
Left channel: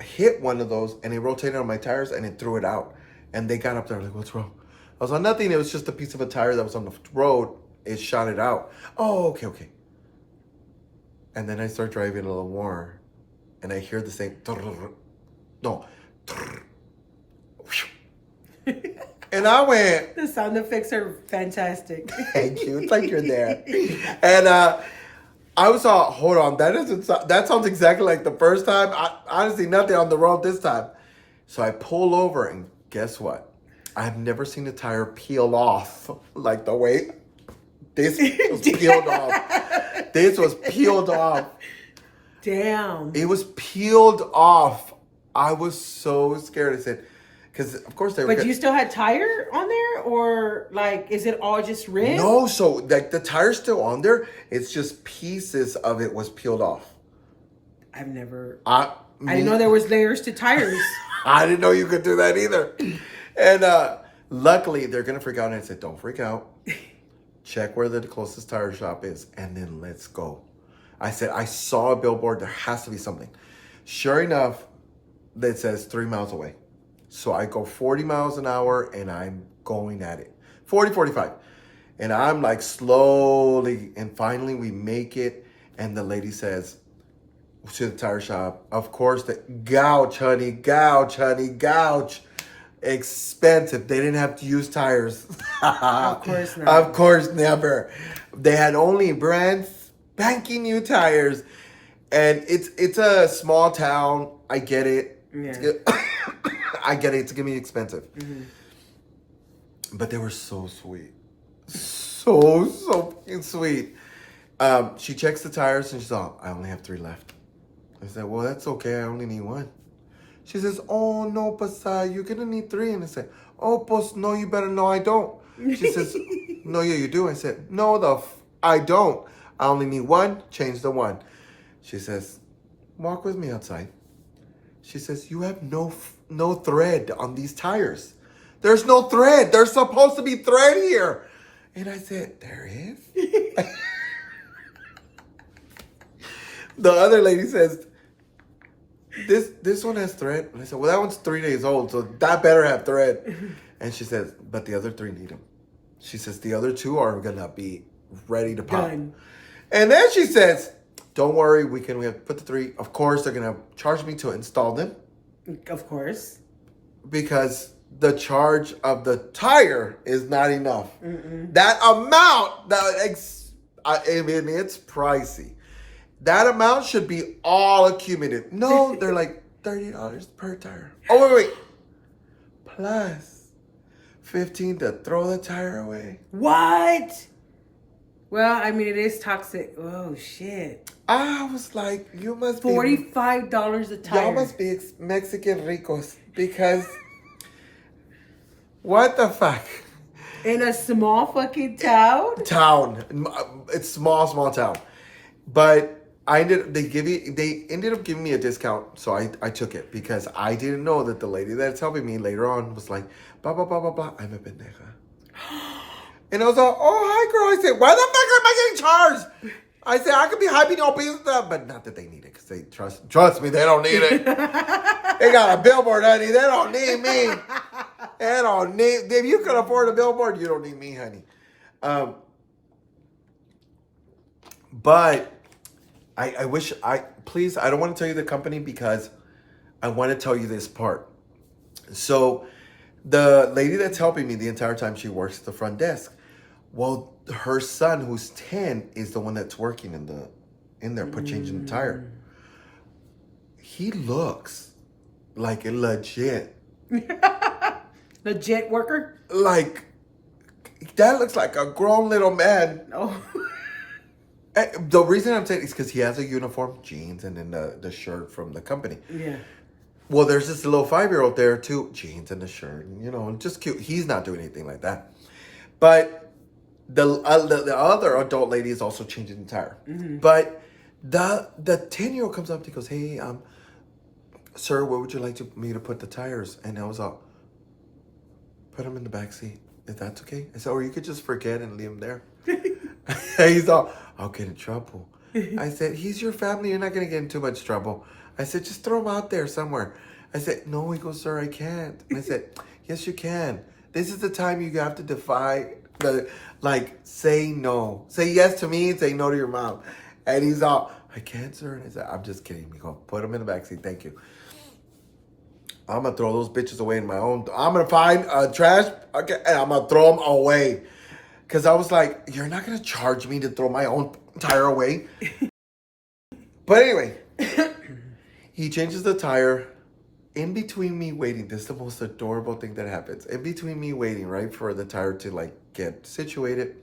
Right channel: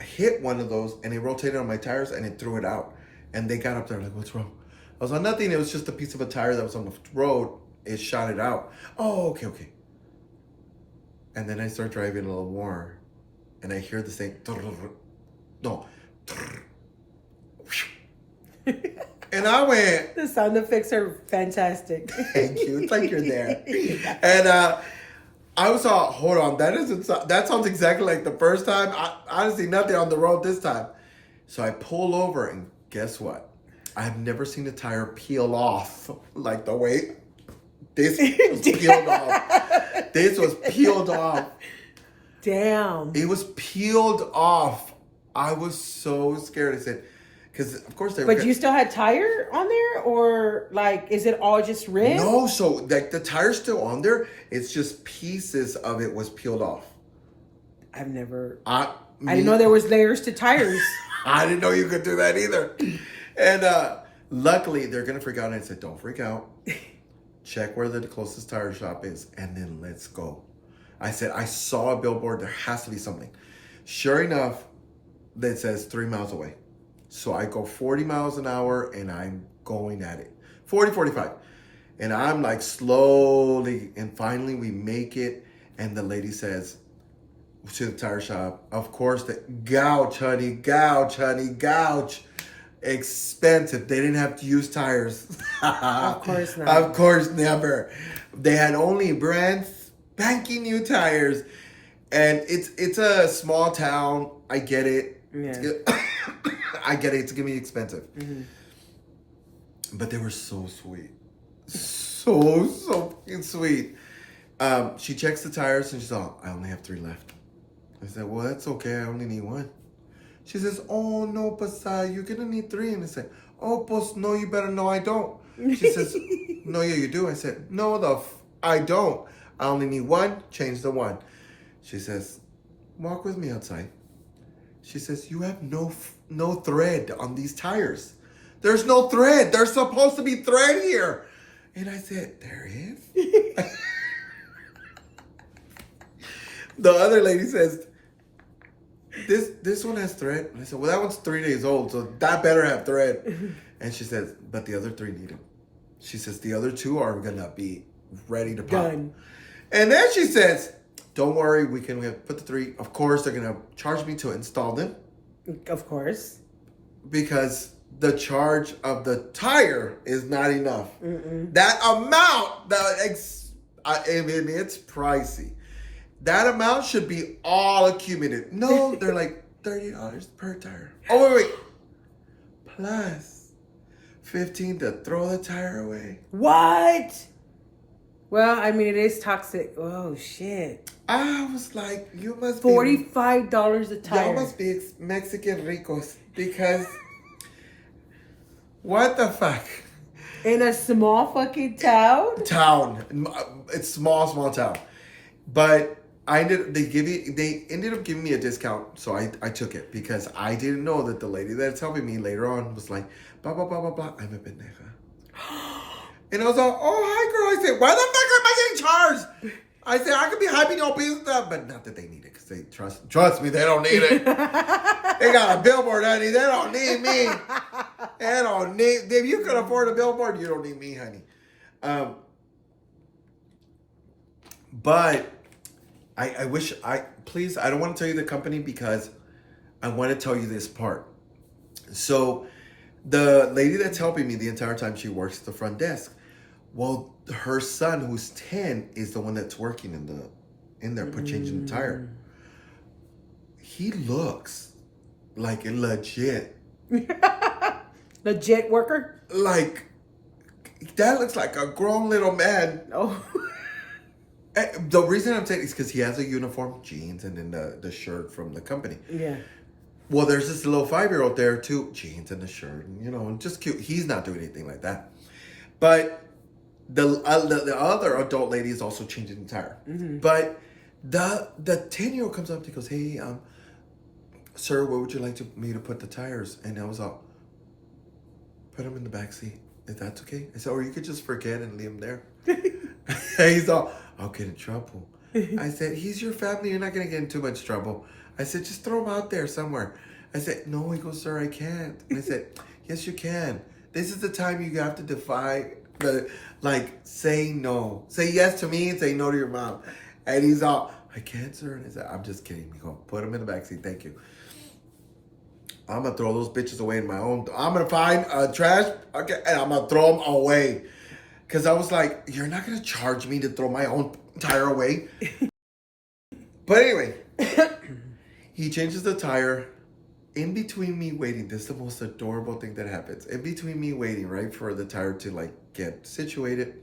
hit one of those, and it rotated on my tires, and it threw it out. And they got up there like, what's wrong? I was on nothing. It was just a piece of a tire that was on the road. It shot it out. Oh, okay. And then I start driving a little more, and I hear the same. No. And I went. The sound effects are fantastic. Thank you. It's like you're there. And I was all, hold on. That sounds exactly like the first time. Honestly, nothing on the road this time. So I pull over, and guess what? I've never seen a tire peel off like the way this was peeled off. This was peeled off. Damn. It was peeled off. I was so scared. I said, because of course they were. But you still had tire on there, or like, is it all just rim? No, so like the tire's still on there. It's just pieces of it was peeled off. I didn't know there was layers to tires. I didn't know you could do that either. And luckily, they're going to freak out. And I said, don't freak out. Check where the closest tire shop is, and then let's go. I said, I saw a billboard. There has to be something. Sure enough, that says 3 miles away. So I go 40 miles an hour, and I'm going at it. 40, 45. And I'm like slowly, and finally we make it. And the lady says to the tire shop, of course, the gouge, honey, gouge. Expensive. They didn't have to use tires. Of course not. Of course, never. They had only brand spanking new tires. And it's a small town. I get it. Yeah. I get it. It's going to be expensive. Mm-hmm. But they were so sweet. So fucking sweet. She checks the tires and she's all, I only have 3 left. I said, well, that's okay. I only need 1. She says, oh, no, pues, you're going to need 3. And I said, oh, pues, no, you better know I don't. She says, no, yeah, you do. I said, no, I don't. I only need 1. Change the 1. She says, walk with me outside. She says, you have no thread on these tires. There's no thread. There's supposed to be thread here. And I said, there is? The other lady says, this one has thread. And I said, well, that one's 3 days old, so that better have thread. And she says, but the other 3 need them. She says, the other 2 are going to be ready to pop. Done. And then she says, don't worry, we have put the 3. Of course, they're going to charge me to install them. Of course. Because the charge of the tire is not enough. Mm-mm. That amount, I mean, it's pricey. That amount should be all accumulated. No, they're like $30 per tire. Oh, wait. Plus $15 to throw the tire away. What? Well, I mean, it is toxic. Oh, shit. I was like, you must be... $45 a tire. Y'all must be Mexican ricos because... What the fuck? In a small fucking town? It's small town. But they ended up giving me a discount, so I took it because I didn't know that the lady that's helping me later on was like, blah, blah, blah, blah, blah, I'm a pendeja. And I was like, oh, hi, girl. I said, why the fuck am I getting charged? I said, I could be hyping your pizza, but not that they need it, because they trust me, they don't need it. They got a billboard, honey. They don't need me. They don't need, if you can afford a billboard, you don't need me, honey. But I wish, please, I don't want to tell you the company because I want to tell you this part. So the lady that's helping me the entire time, she works at the front desk. Well, her son, who's 10, is the one that's working in there, changing the tire. He looks like a legit worker? Like, that looks like a grown little man. Oh. The reason I'm saying is because he has a uniform, jeans, and then the shirt from the company. Yeah. Well, there's this little 5-year-old there too, jeans and the shirt, and, just cute. He's not doing anything like that. But the other adult lady is also changing the tire. Mm-hmm. But the 10-year-old comes up and goes, hey, sir, where would you like me to put the tires? And I was all, put them in the back seat, if that's okay. I said, or you could just forget and leave them there. He's all, I'll get in trouble. I said, he's your family. You're not going to get in too much trouble. I said, just throw him out there somewhere. I said, no. He goes, sir, I can't. And I said, yes, you can. This is the time you have to defy say no. Say yes to me and say no to your mom. And he's all, I can't, sir. And I said, I'm just kidding. We go, put him in the backseat. Thank you. I'm going to throw those bitches away in my own. I'm going to find trash. Okay, and I'm going to throw them away. Because I was like, you're not going to charge me to throw my own tire away. But anyway, he changes the tire. In between me waiting, this is the most adorable thing that happens. In between me waiting, right, for the tire to get situated,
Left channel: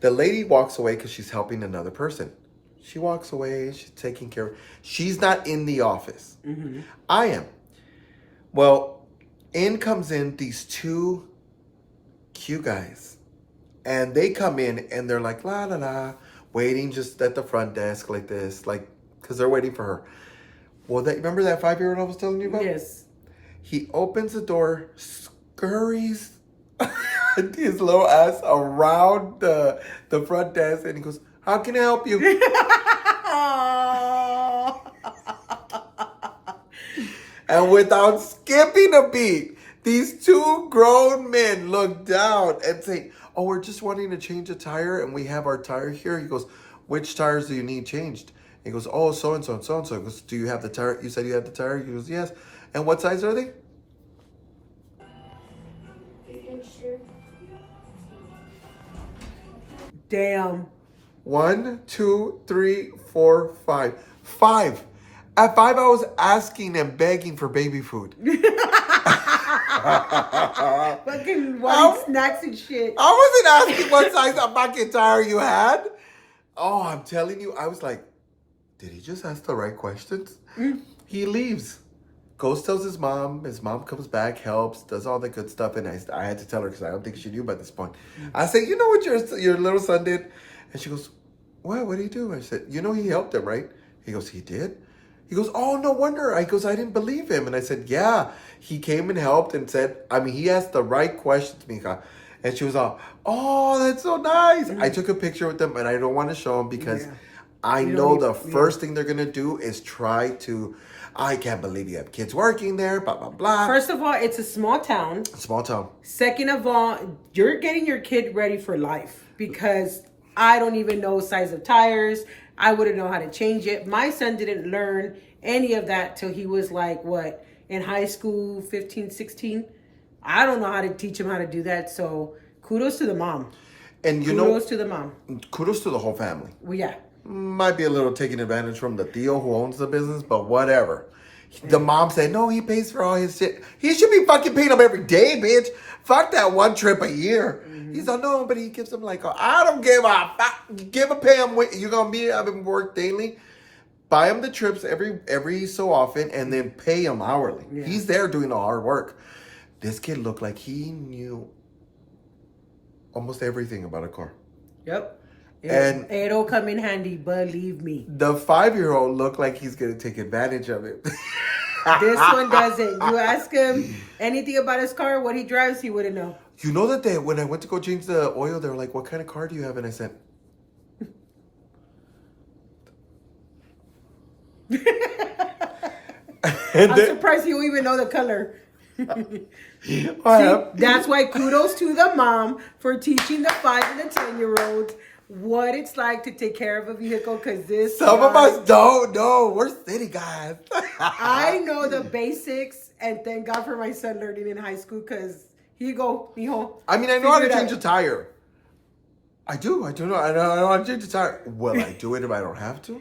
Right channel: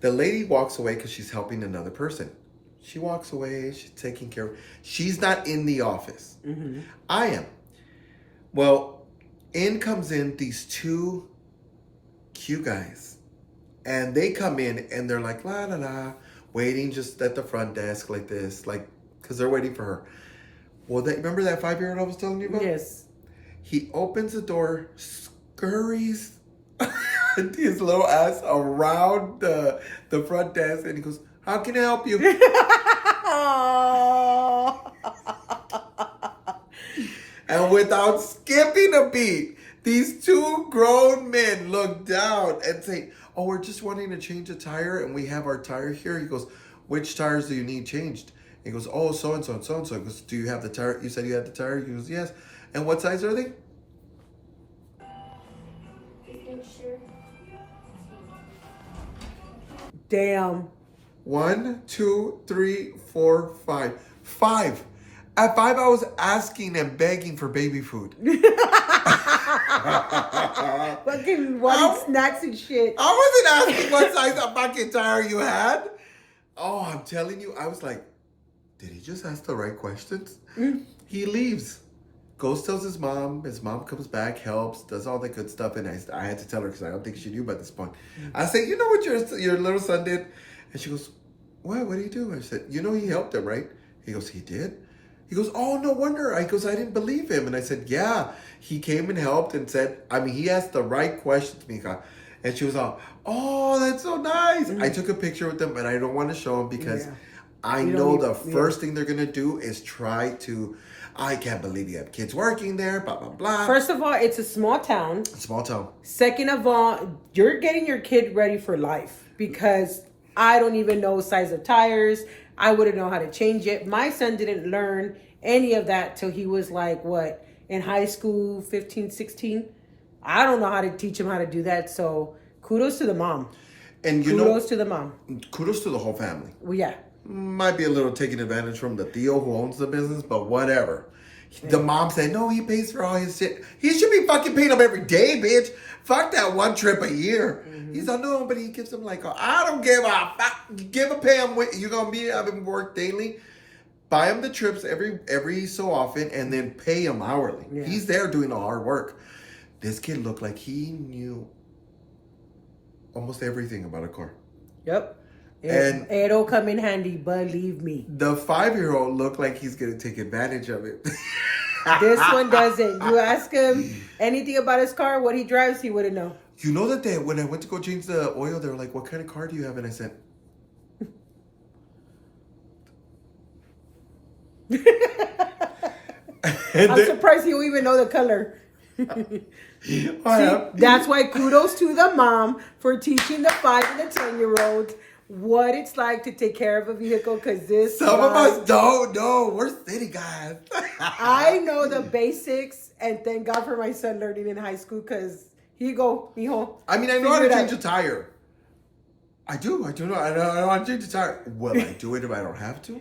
the lady walks away because she's helping another person. She walks away. She's taking care of. She's not in the office. Mm-hmm. I am. Well, in comes in these 2 cute guys. And they come in and they're like, la, la, la, waiting just at the front desk like this, because they're waiting for her. Well, remember that 5-year-old I was telling you about? Yes. He opens the door, scurries his little ass around the front desk, and he goes, how can I help you? And without skipping a beat, these 2 grown men look down and say, oh, we're just wanting to change a tire, and we have our tire here. He goes, which tires do you need changed? He goes, oh, so-and-so and so-and-so. He goes, do you have the tire? You said you had the tire? He goes, yes. And what size are they? 8-inch. Damn. 1, 2, 3, 4, 5. 5. At 5, I was asking and begging for baby food. Fucking wanting snacks and shit. I wasn't asking what size of bucket tire you had. Oh, I'm telling you, I was like, did he just ask the right questions? He leaves. Goes, tells his mom. His mom comes back, helps, does all the good stuff. And I had to tell her because I don't think she knew by this point. I said, you know what your little son did? And she goes, what? What did he do? I said, you know he helped him, right? He goes, he did? He goes, oh, no wonder. I didn't believe him. And I said, yeah. He came and helped and said, he asked the right questions, Mika. And she was all, oh, that's so nice. I took a picture with them, and I don't want to show them because I know the first thing they're going to do is try to, I can't believe you have kids working there, blah, blah, blah. First of all, it's a small town. Small town. Second of all, you're getting your kid ready for life because I don't even know size of tires. I wouldn't know how to change it. My son didn't learn any of that till he was like, what, in high school, 15, 16? I don't know how to teach him how to do that. So kudos to the mom. And kudos to the mom. Kudos to the whole family. Well, yeah. Might be a little taking advantage from the Theo who owns the business, but whatever. The mom said, no, he pays for all his shit. He should be fucking paying him every day, bitch. Fuck that one trip a year. He's like, no, but he gives him like, I don't give a fuck. Pay him. You're going to be having work daily. Buy him the trips every so often and then pay him hourly. Yeah. He's there doing the hard work. This kid looked like he knew almost everything about a car. Yep. And it'll come in handy, believe me. The 5-year-old looked like he's going to take advantage of it. This one doesn't. You ask him anything about his car, what he drives, he wouldn't know. You know that when I went to go change the oil, they were like, what kind of car do you have? And I said... I'm surprised you even know the color. See, that's why kudos to the mom for teaching the 5 and the 10-year-olds what it's like to take care of a vehicle. Because some of us don't know. We're city guys. I know the basics, and thank God for my son learning in high school. Because here you go, mijo. I know how to change a tire. I do. I know how to change a tire. Will I do it if I don't have to?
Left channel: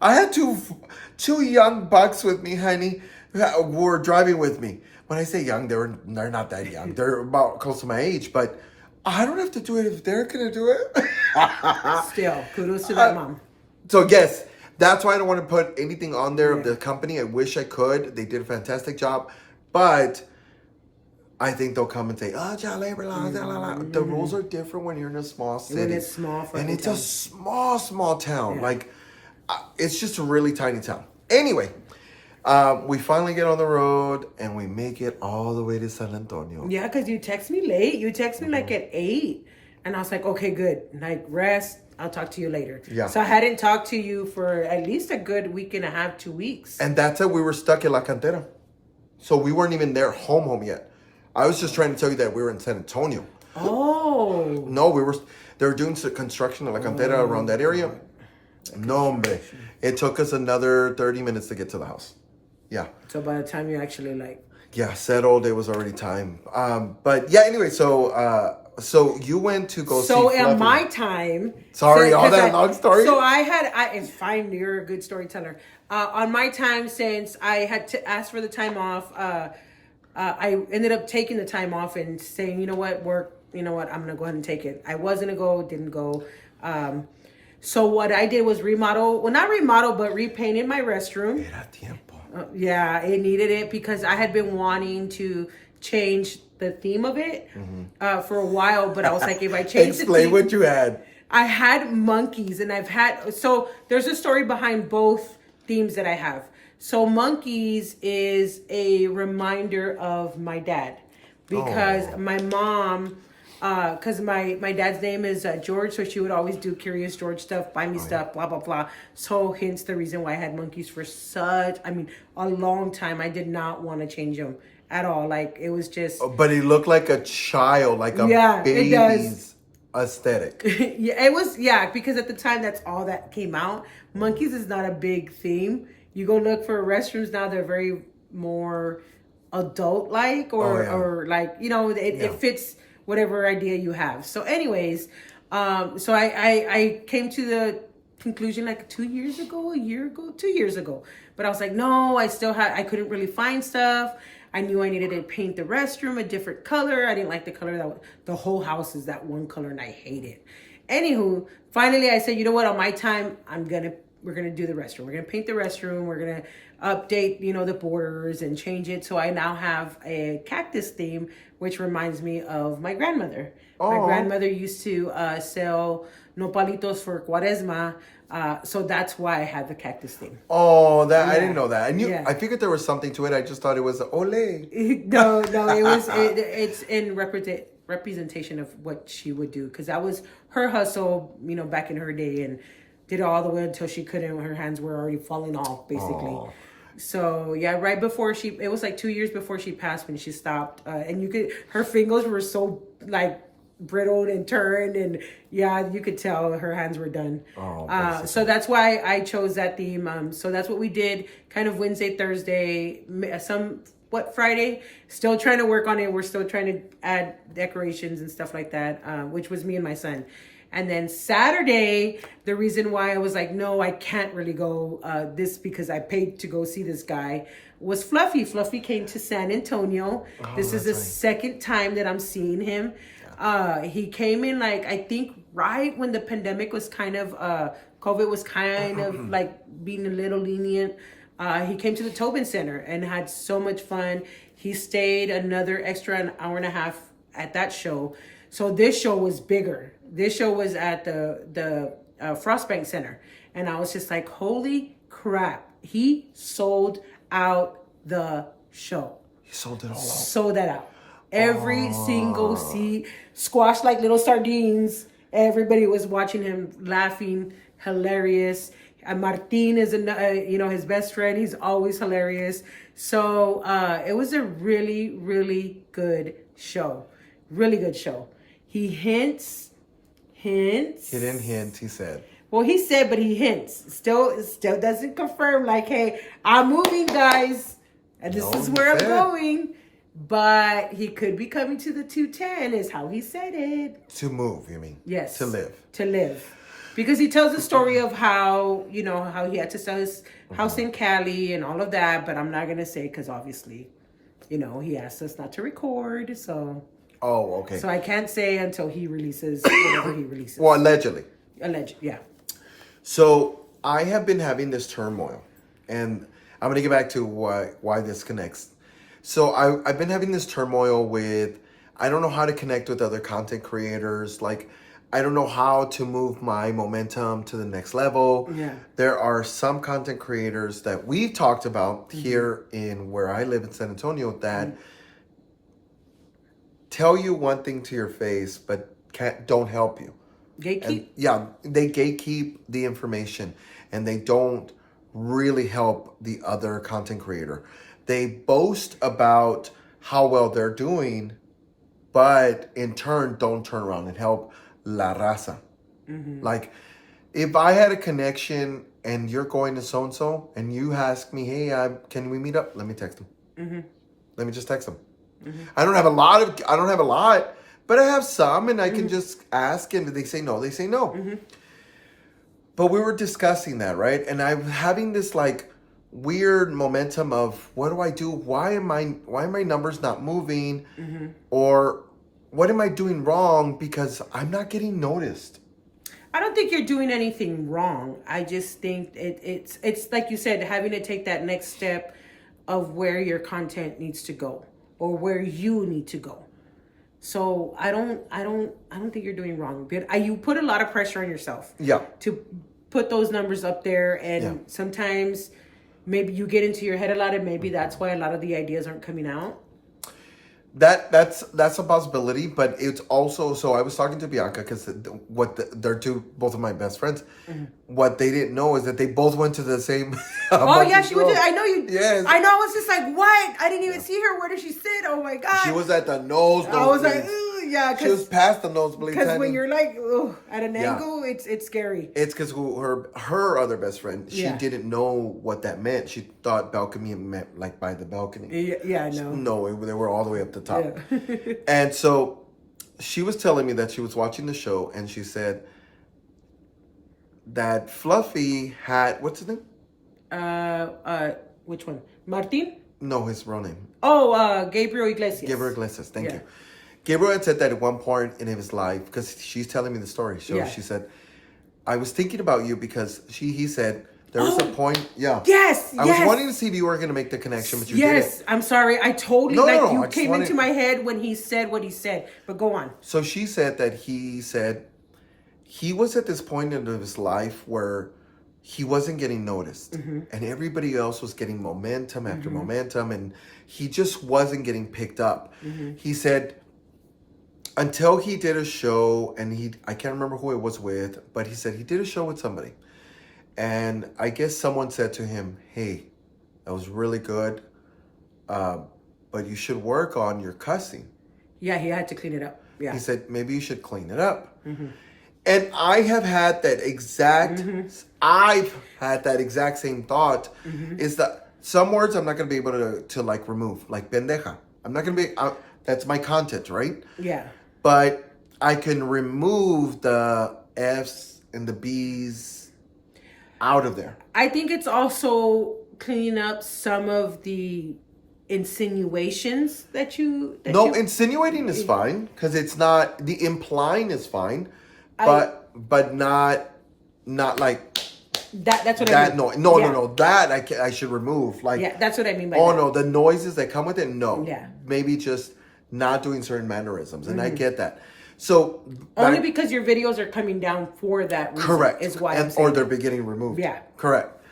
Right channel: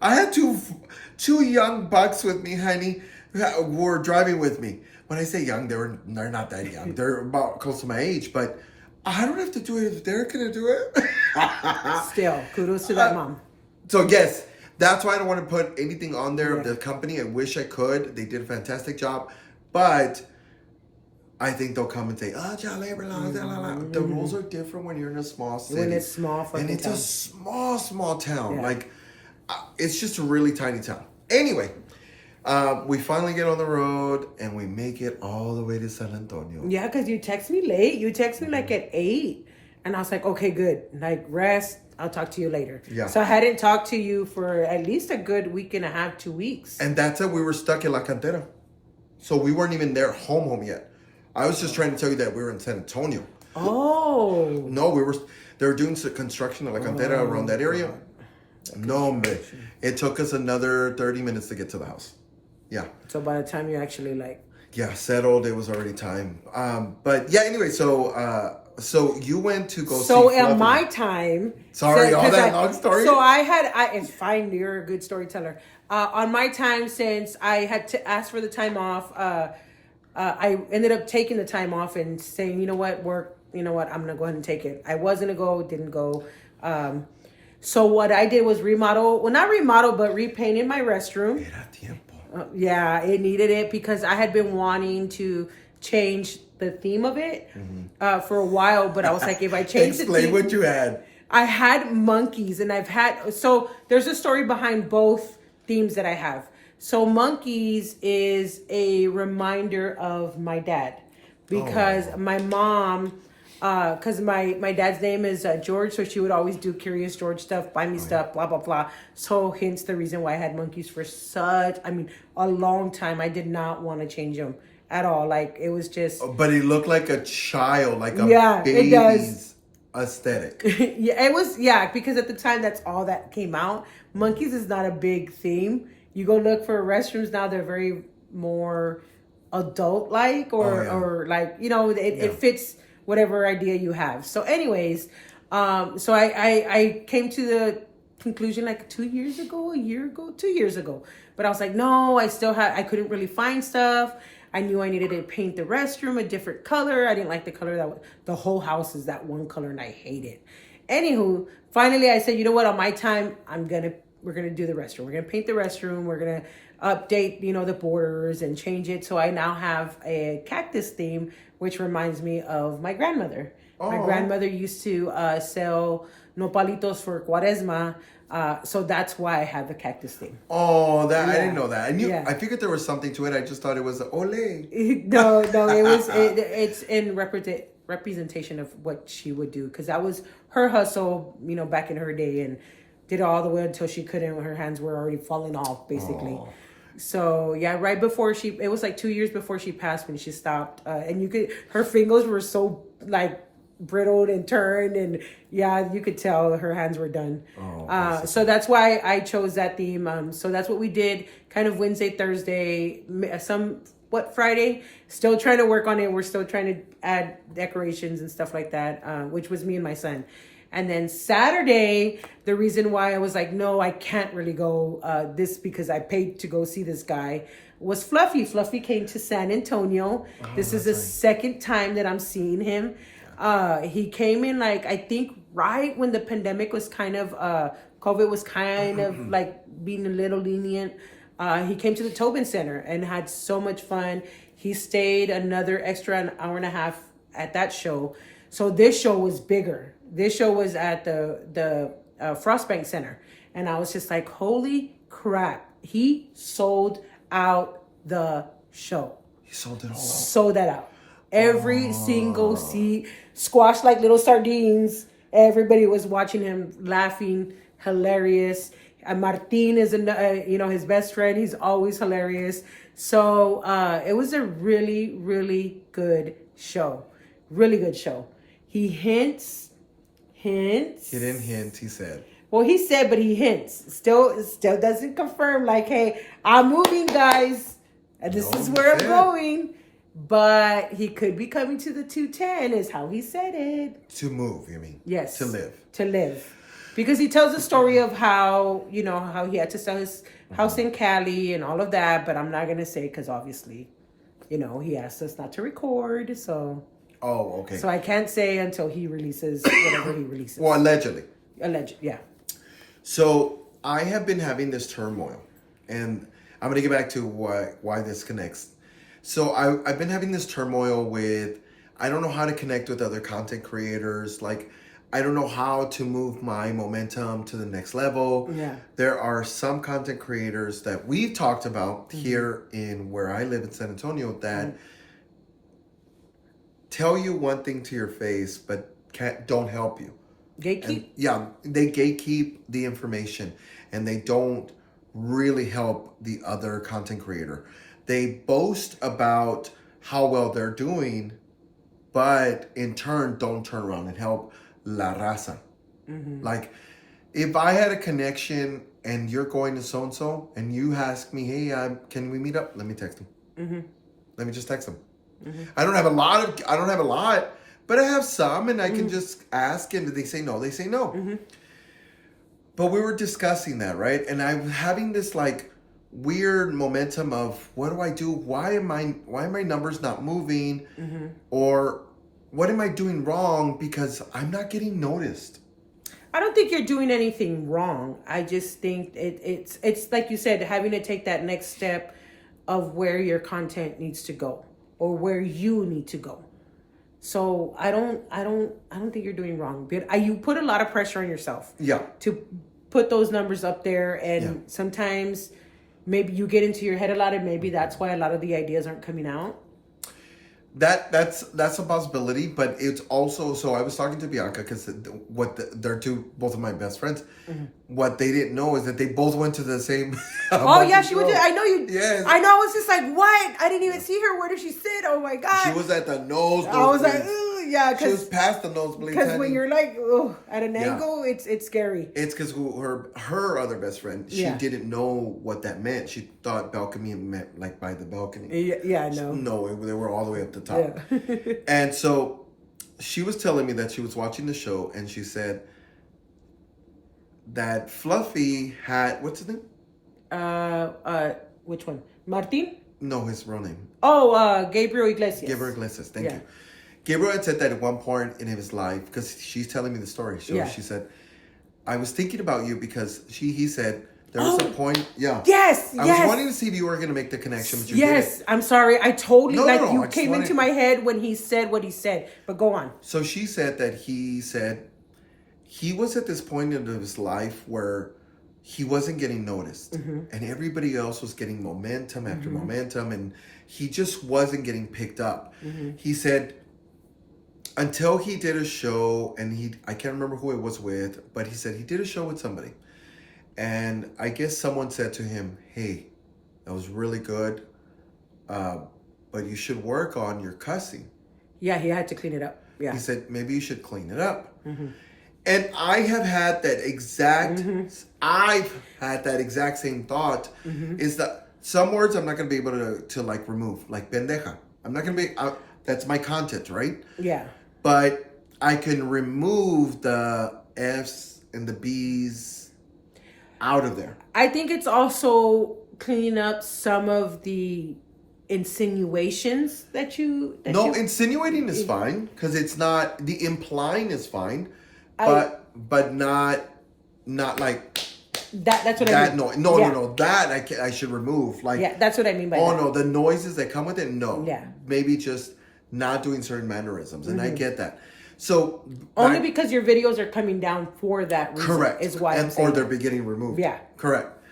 I had two young bucks with me, honey, who were driving with me. When I say young, they're not that young. They're about close to my age, but I don't have to do it if they're gonna do it. Still, kudos to that mom. So yes, that's why I don't want to put anything on there of the company. I wish I could. They did a fantastic job, but I think they'll come and say, "Oh, the rules are different when you're in a small city. When it's small, and it's a small town. Yeah. Like it's just a really tiny town. Anyway." We finally get on the road and we make it all the way to San Antonio. Yeah, because you text me late. You text me like at 8. And I was like, okay, good. Like, rest. I'll talk to you later. Yeah. So I hadn't talked to you for at least a good week and a half, 2 weeks. And that's it. We were stuck in La Cantera. So we weren't even there home yet. I was just trying to tell you that we were in San Antonio. Oh. No, they were doing some construction in La Cantera around that area. No, hombre. It took us another 30 minutes to get to the house. Yeah. So by the time you actually settled, it was already time. But yeah, anyway, so you went to go see So at my time. Sorry, all that long story. So it's fine. You're a good storyteller. On my time, since I had to ask for the time off, I ended up taking the time off and saying, I'm going to go ahead and take it. I was going to go, didn't go. So what I did was not remodel, but repainted my restroom. Yeah, it needed it because I had been wanting to change the theme of it for a while, but I was like, if I change the theme... Explain what you had. I had monkeys, and so there's a story behind both themes that I have. So monkeys is a reminder of my dad because my mom... because my dad's name is George, so she would always do Curious George stuff, buy me stuff, blah, blah, blah. So hence the reason why I had monkeys for a long time. I did not want to change them at all. Like, it was just... But he looked like a child, like a baby's it does. Aesthetic. Because at the time, that's all that came out. Monkeys is not a big theme. You go look for restrooms now, they're very more adult-like or it fits... whatever idea you have. So anyways, so I came to conclusion like 2 years ago, a year ago, 2 years ago. But I was like, no, I couldn't really find stuff. I knew I needed to paint the restroom a different color. I didn't like the color the whole house is that one color and I hate it. Anywho, finally I said, you know what, on my time, we're gonna do the restroom. We're gonna paint the restroom. We're gonna update, the borders and change it. So I now have a cactus theme, which reminds me of my grandmother. Oh. My grandmother used to sell nopalitos for Cuaresma. So that's why I have the cactus theme. Oh, I didn't know that. I figured there was something to it. I just thought it was ole. No, it's in representation of what she would do, because that was her hustle, back in her day, and did it all the way until she couldn't. Her hands were already falling off, basically. Oh. So yeah, right before it was like 2 years before she passed when she stopped, and her fingers were so like brittled and turned, and yeah, you could tell her hands were done. Oh, so that's why I chose that theme. So that's what we did, kind of Wednesday, Thursday, Friday. Still trying to work on it. We're still trying to add decorations and stuff like that, which was me and my son. And then Saturday, the reason why I was like, no, I can't really go because I paid to go see this guy, was Fluffy. Fluffy came to San Antonio. Oh, this is the second time that I'm seeing him. He came in I think right when the pandemic was kind of, COVID was kind of like being a little lenient. He came to the Tobin Center and had so much fun. He stayed another extra an hour and a half at that show. So this show was bigger. This show was at the Frostbank Center. And I was just like, holy crap. He sold out the show. He sold it all out. Sold that out. Every single seat, squashed like little sardines. Everybody was watching him, laughing, hilarious. Martin is, his best friend. He's always hilarious. So it was a really, really good show. Really good show. He hints. He didn't hint, he said. Well, he said, but he hints. Still doesn't confirm, like, hey, I'm moving, guys. And this is where I'm going. But he could be coming to the 210 is how he said it. To move, you mean? Yes. To live. To live. Because he tells the story of how he had to sell his house in Cali and all of that. But I'm not going to say because obviously, he asked us not to record. So. Oh, okay. So I can't say until he releases whatever he releases. Well, allegedly. Yeah. So I have been having this turmoil. And I'm going to get back to why this connects. So I've been having this turmoil with, I don't know how to connect with other content creators. Like, I don't know how to move my momentum to the next level. Yeah. There are some content creators that we've talked about here in where I live in San Antonio that tell you one thing to your face, but don't help you. Gatekeep? They gatekeep the information and they don't really help the other content creator. They boast about how well they're doing, but in turn, don't turn around and help la raza. Mm-hmm. Like, if I had a connection and you're going to so-and-so and you ask me, hey, can we meet up? Let me text him. Mm-hmm. Let me just text him. Mm-hmm. I don't have a lot, but I have some and I can just ask and they say no, they say no. Mm-hmm. But we were discussing that, right? And I'm having this weird momentum of what do I do? Why are my numbers not moving? Mm-hmm. Or what am I doing wrong? Because I'm not getting noticed. I don't think you're doing anything wrong. I just think it's like you said, having to take that next step of where your content needs to go or where you need to go. So I don't think you're doing wrong. But you put a lot of pressure on yourself. Yeah. To put those numbers up there, and sometimes maybe you get into your head a lot, and maybe that's why a lot of the ideas aren't coming out. That's a possibility, but it's also, so I was talking to Bianca because they're both of my best friends. Mm-hmm. What they didn't know is that they both went to the same. Oh yeah, she went. I know you. Yes. I know. I was just like, what? I didn't even see her. Where did she sit? Oh my god. She was at the nosebleed. I was like, yeah, she was past the nosebleed. Because when you're at an angle, it's scary. It's because her other best friend, she didn't know what that meant. She thought balcony meant by the balcony. Yeah, I know. No, they were all the way up the top. Yeah. And so she was telling me that she was watching the show and she said that Fluffy had, what's his name? Which one? Martin? No, his real name. Oh, Gabriel Iglesias. Gabriel Iglesias, thank you. Gabriel had said that at one point in his life, because she's telling me the story. So she said, I was thinking about you because he said, there was a point, Yes, I was wanting to see if you were going to make the connection, but you didn't. I'm sorry. I totally, you I came into my head when he said what he said, but go on. So she said that he was at this point in his life where he wasn't getting noticed and everybody else was getting momentum after momentum and he just wasn't getting picked up. He said until he did a show and I can't remember who it was with, but he said he did a show with somebody. And I guess someone said to him, hey, that was really good, but you should work on your cussing. Yeah, he had to clean it up. Yeah. He said, maybe you should clean it up. And I have had that exact, I've had that exact same thought, is that some words I'm not going to be able to like remove, like pendeja. I'm not going to be, that's my content, right? Yeah. But I can remove the F's and the B's out of there. I think it's also cleaning up some of the insinuations that you... insinuating is fine, because it's not, the implying is fine, but not like... That's what I mean. No, that I should remove. Like, yeah, that's what I mean by that. No, the noises that come with it, no. Yeah. Maybe just not doing certain mannerisms, and I get that. So only because your videos are coming down for that reason. Correct. Is why I'm saying or they're getting removed. Yeah. Correct.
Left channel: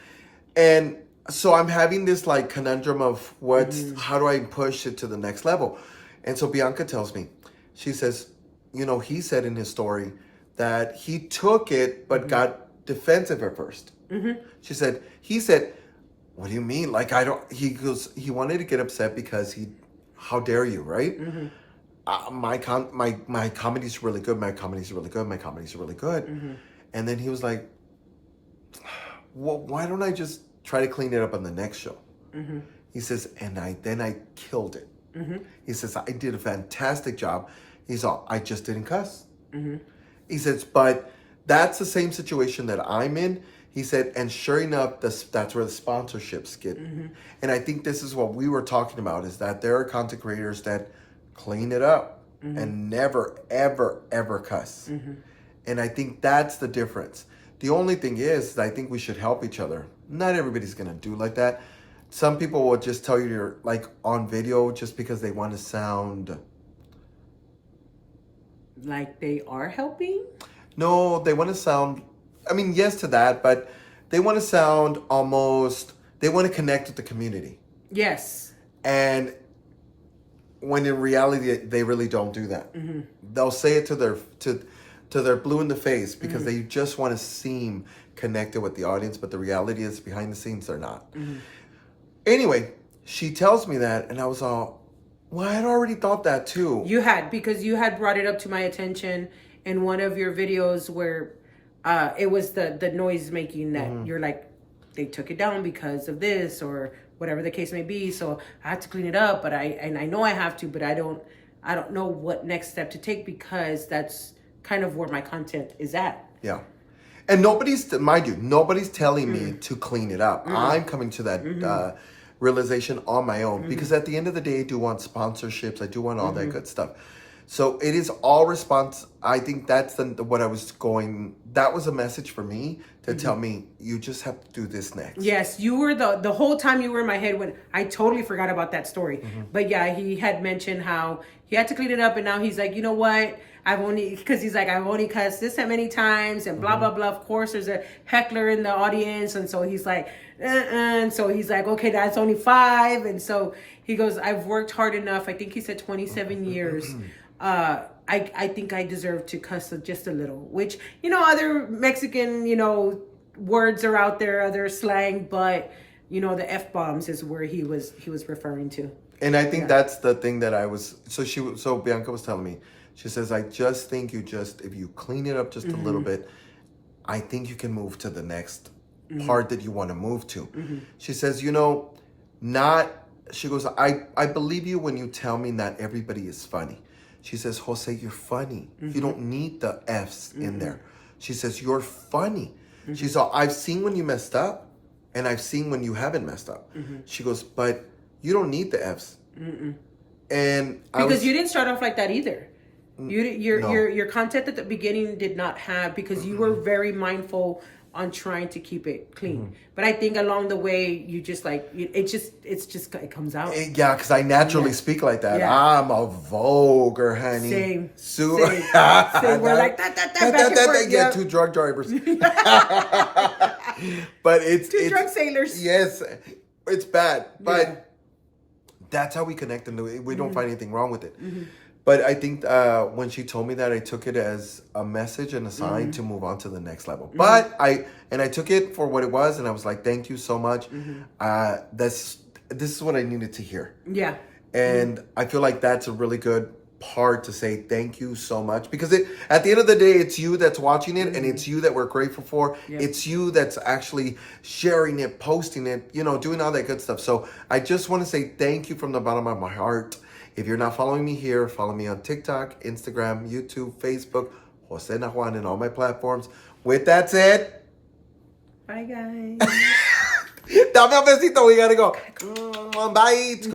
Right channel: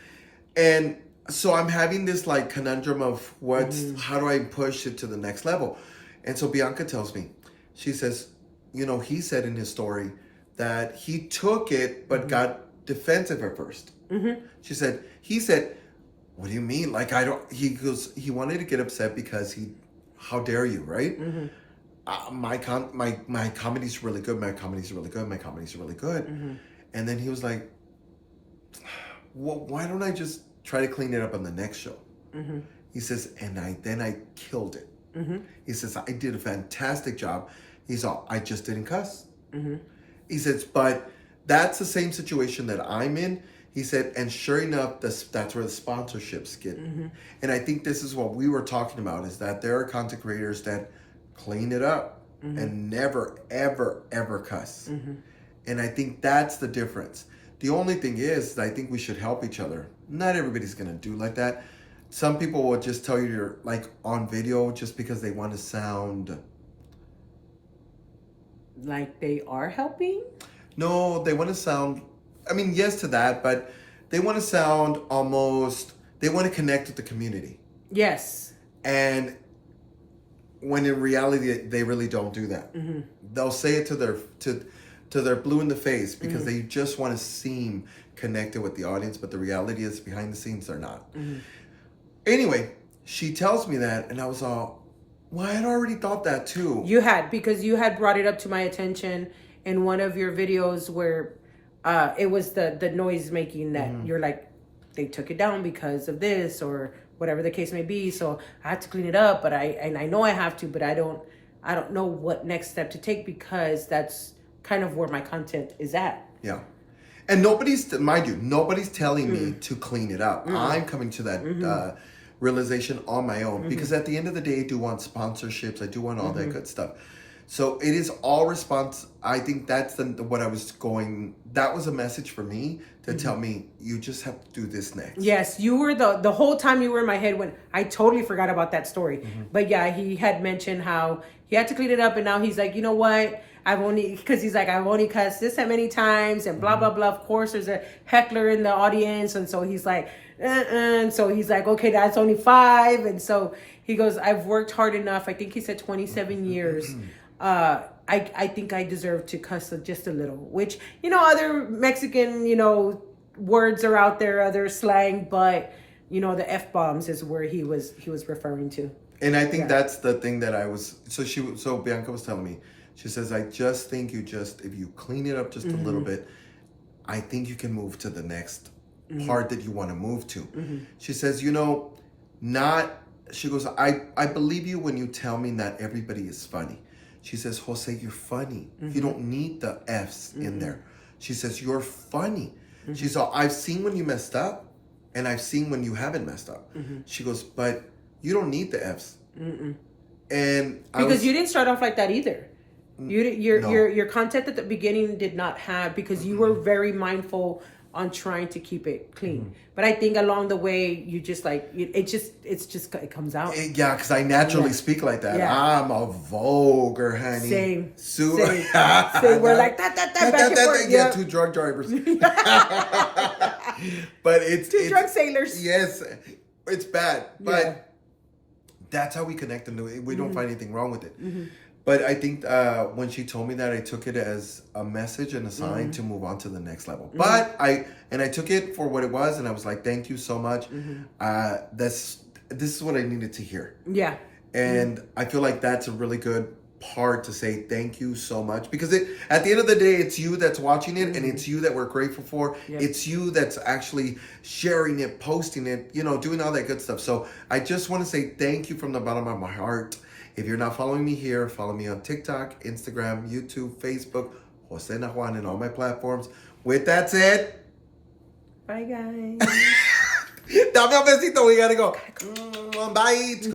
And so I'm having this like conundrum of how do I push it to the next level? And so Bianca tells me, she says, he said in his story that he took it but got defensive at first. He said, what do you mean? Like, he wanted to get upset because how dare you, right? My comedy's really good. My comedy's really good. My comedy's really good. And then he was like, well, why don't I just try to clean it up on the next show? He says, and I killed it. He says, I did a fantastic job. He's all, I just didn't cuss. He says, but that's the same situation that I'm in. He said, and sure enough, that's where the sponsorships get. And I think this is what we were talking about, is that there are content creators that clean it up and never, ever, ever cuss. And I think that's the difference. The only thing is, I think we should help each other. Not everybody's going to do like that. Some people will just tell you you're like on video just because they want to sound... like they are helping? No, they want to sound... I mean, yes to that, but they want to sound almost... They want to connect with the community. Yes. And when in reality, they really don't do that. They'll say it to their blue in the face because they just want to seem connected with the audience, but the reality is behind the scenes, they're not. Anyway, she tells me that, and I was all, well, I had already thought that too. You had, because you had brought it up to my attention in one of your videos where it was the noise making that you're like, they took it down because of this or whatever the case may be. So I have to clean it up, but I know I have to, but I don't know what next step to take because that's kind of where my content is at. Yeah. And mind you, nobody's telling me to clean it up. I'm coming to that realization on my own because at the end of the day, I do want sponsorships. I do want all that good stuff. So it is all response. I think that's what I was going. That was a message for me to tell me, you just have to do this next. Yes, you were the whole time you were in my head when I totally forgot about that story. But yeah, he had mentioned how he had to clean it up, and now he's like, you know what? I've only cussed this that many times, and blah blah blah. Of course, there's a heckler in the audience, and so he's like, and so he's like, okay, that's only 5, and so he goes, I've worked hard enough. I think he said 27 years. I think I deserve to cuss just a little, which, other Mexican, words are out there, other slang, but, the F-bombs is where he was referring to. And I think that's the thing that so Bianca was telling me, she says, I just think if you clean it up just a little bit, I think you can move to the next part that you want to move to. She says, she goes, I believe you when you tell me not everybody is funny. She says, Jose, you're funny. You don't need the F's in there. She says, you're funny. She saw, I've seen when you messed up, and I've seen when you haven't messed up. She goes, but you don't need the F's. And because you didn't start off like that either. Your content at the beginning did not have, because you were very mindful on trying to keep it clean. But I think along the way, you just like it comes out. Yeah, because I naturally speak like that. Yeah. I'm a vulgar, honey. Same. Same. We're like that back and forth. Yeah, two drug drivers. But it's two drug sailors. Yes, it's bad, but that's how we connect, and we don't find anything wrong with it. But I think when she told me that, I took it as a message and a sign to move on to the next level. But I took it for what it was, and I was like, thank you so much. This is what I needed to hear. Yeah. And I feel like that's a really good part to say thank you so much, because at the end of the day, it's you that's watching it, and it's you that we're grateful for. It's you that's actually sharing it, posting it, doing all that good stuff. So I just want to say thank you from the bottom of my heart. If you're not following me here, follow me on TikTok, Instagram, YouTube, Facebook, Jose Najuan, and all my platforms. With that said, bye guys. Dame un besito, we gotta go. Bye.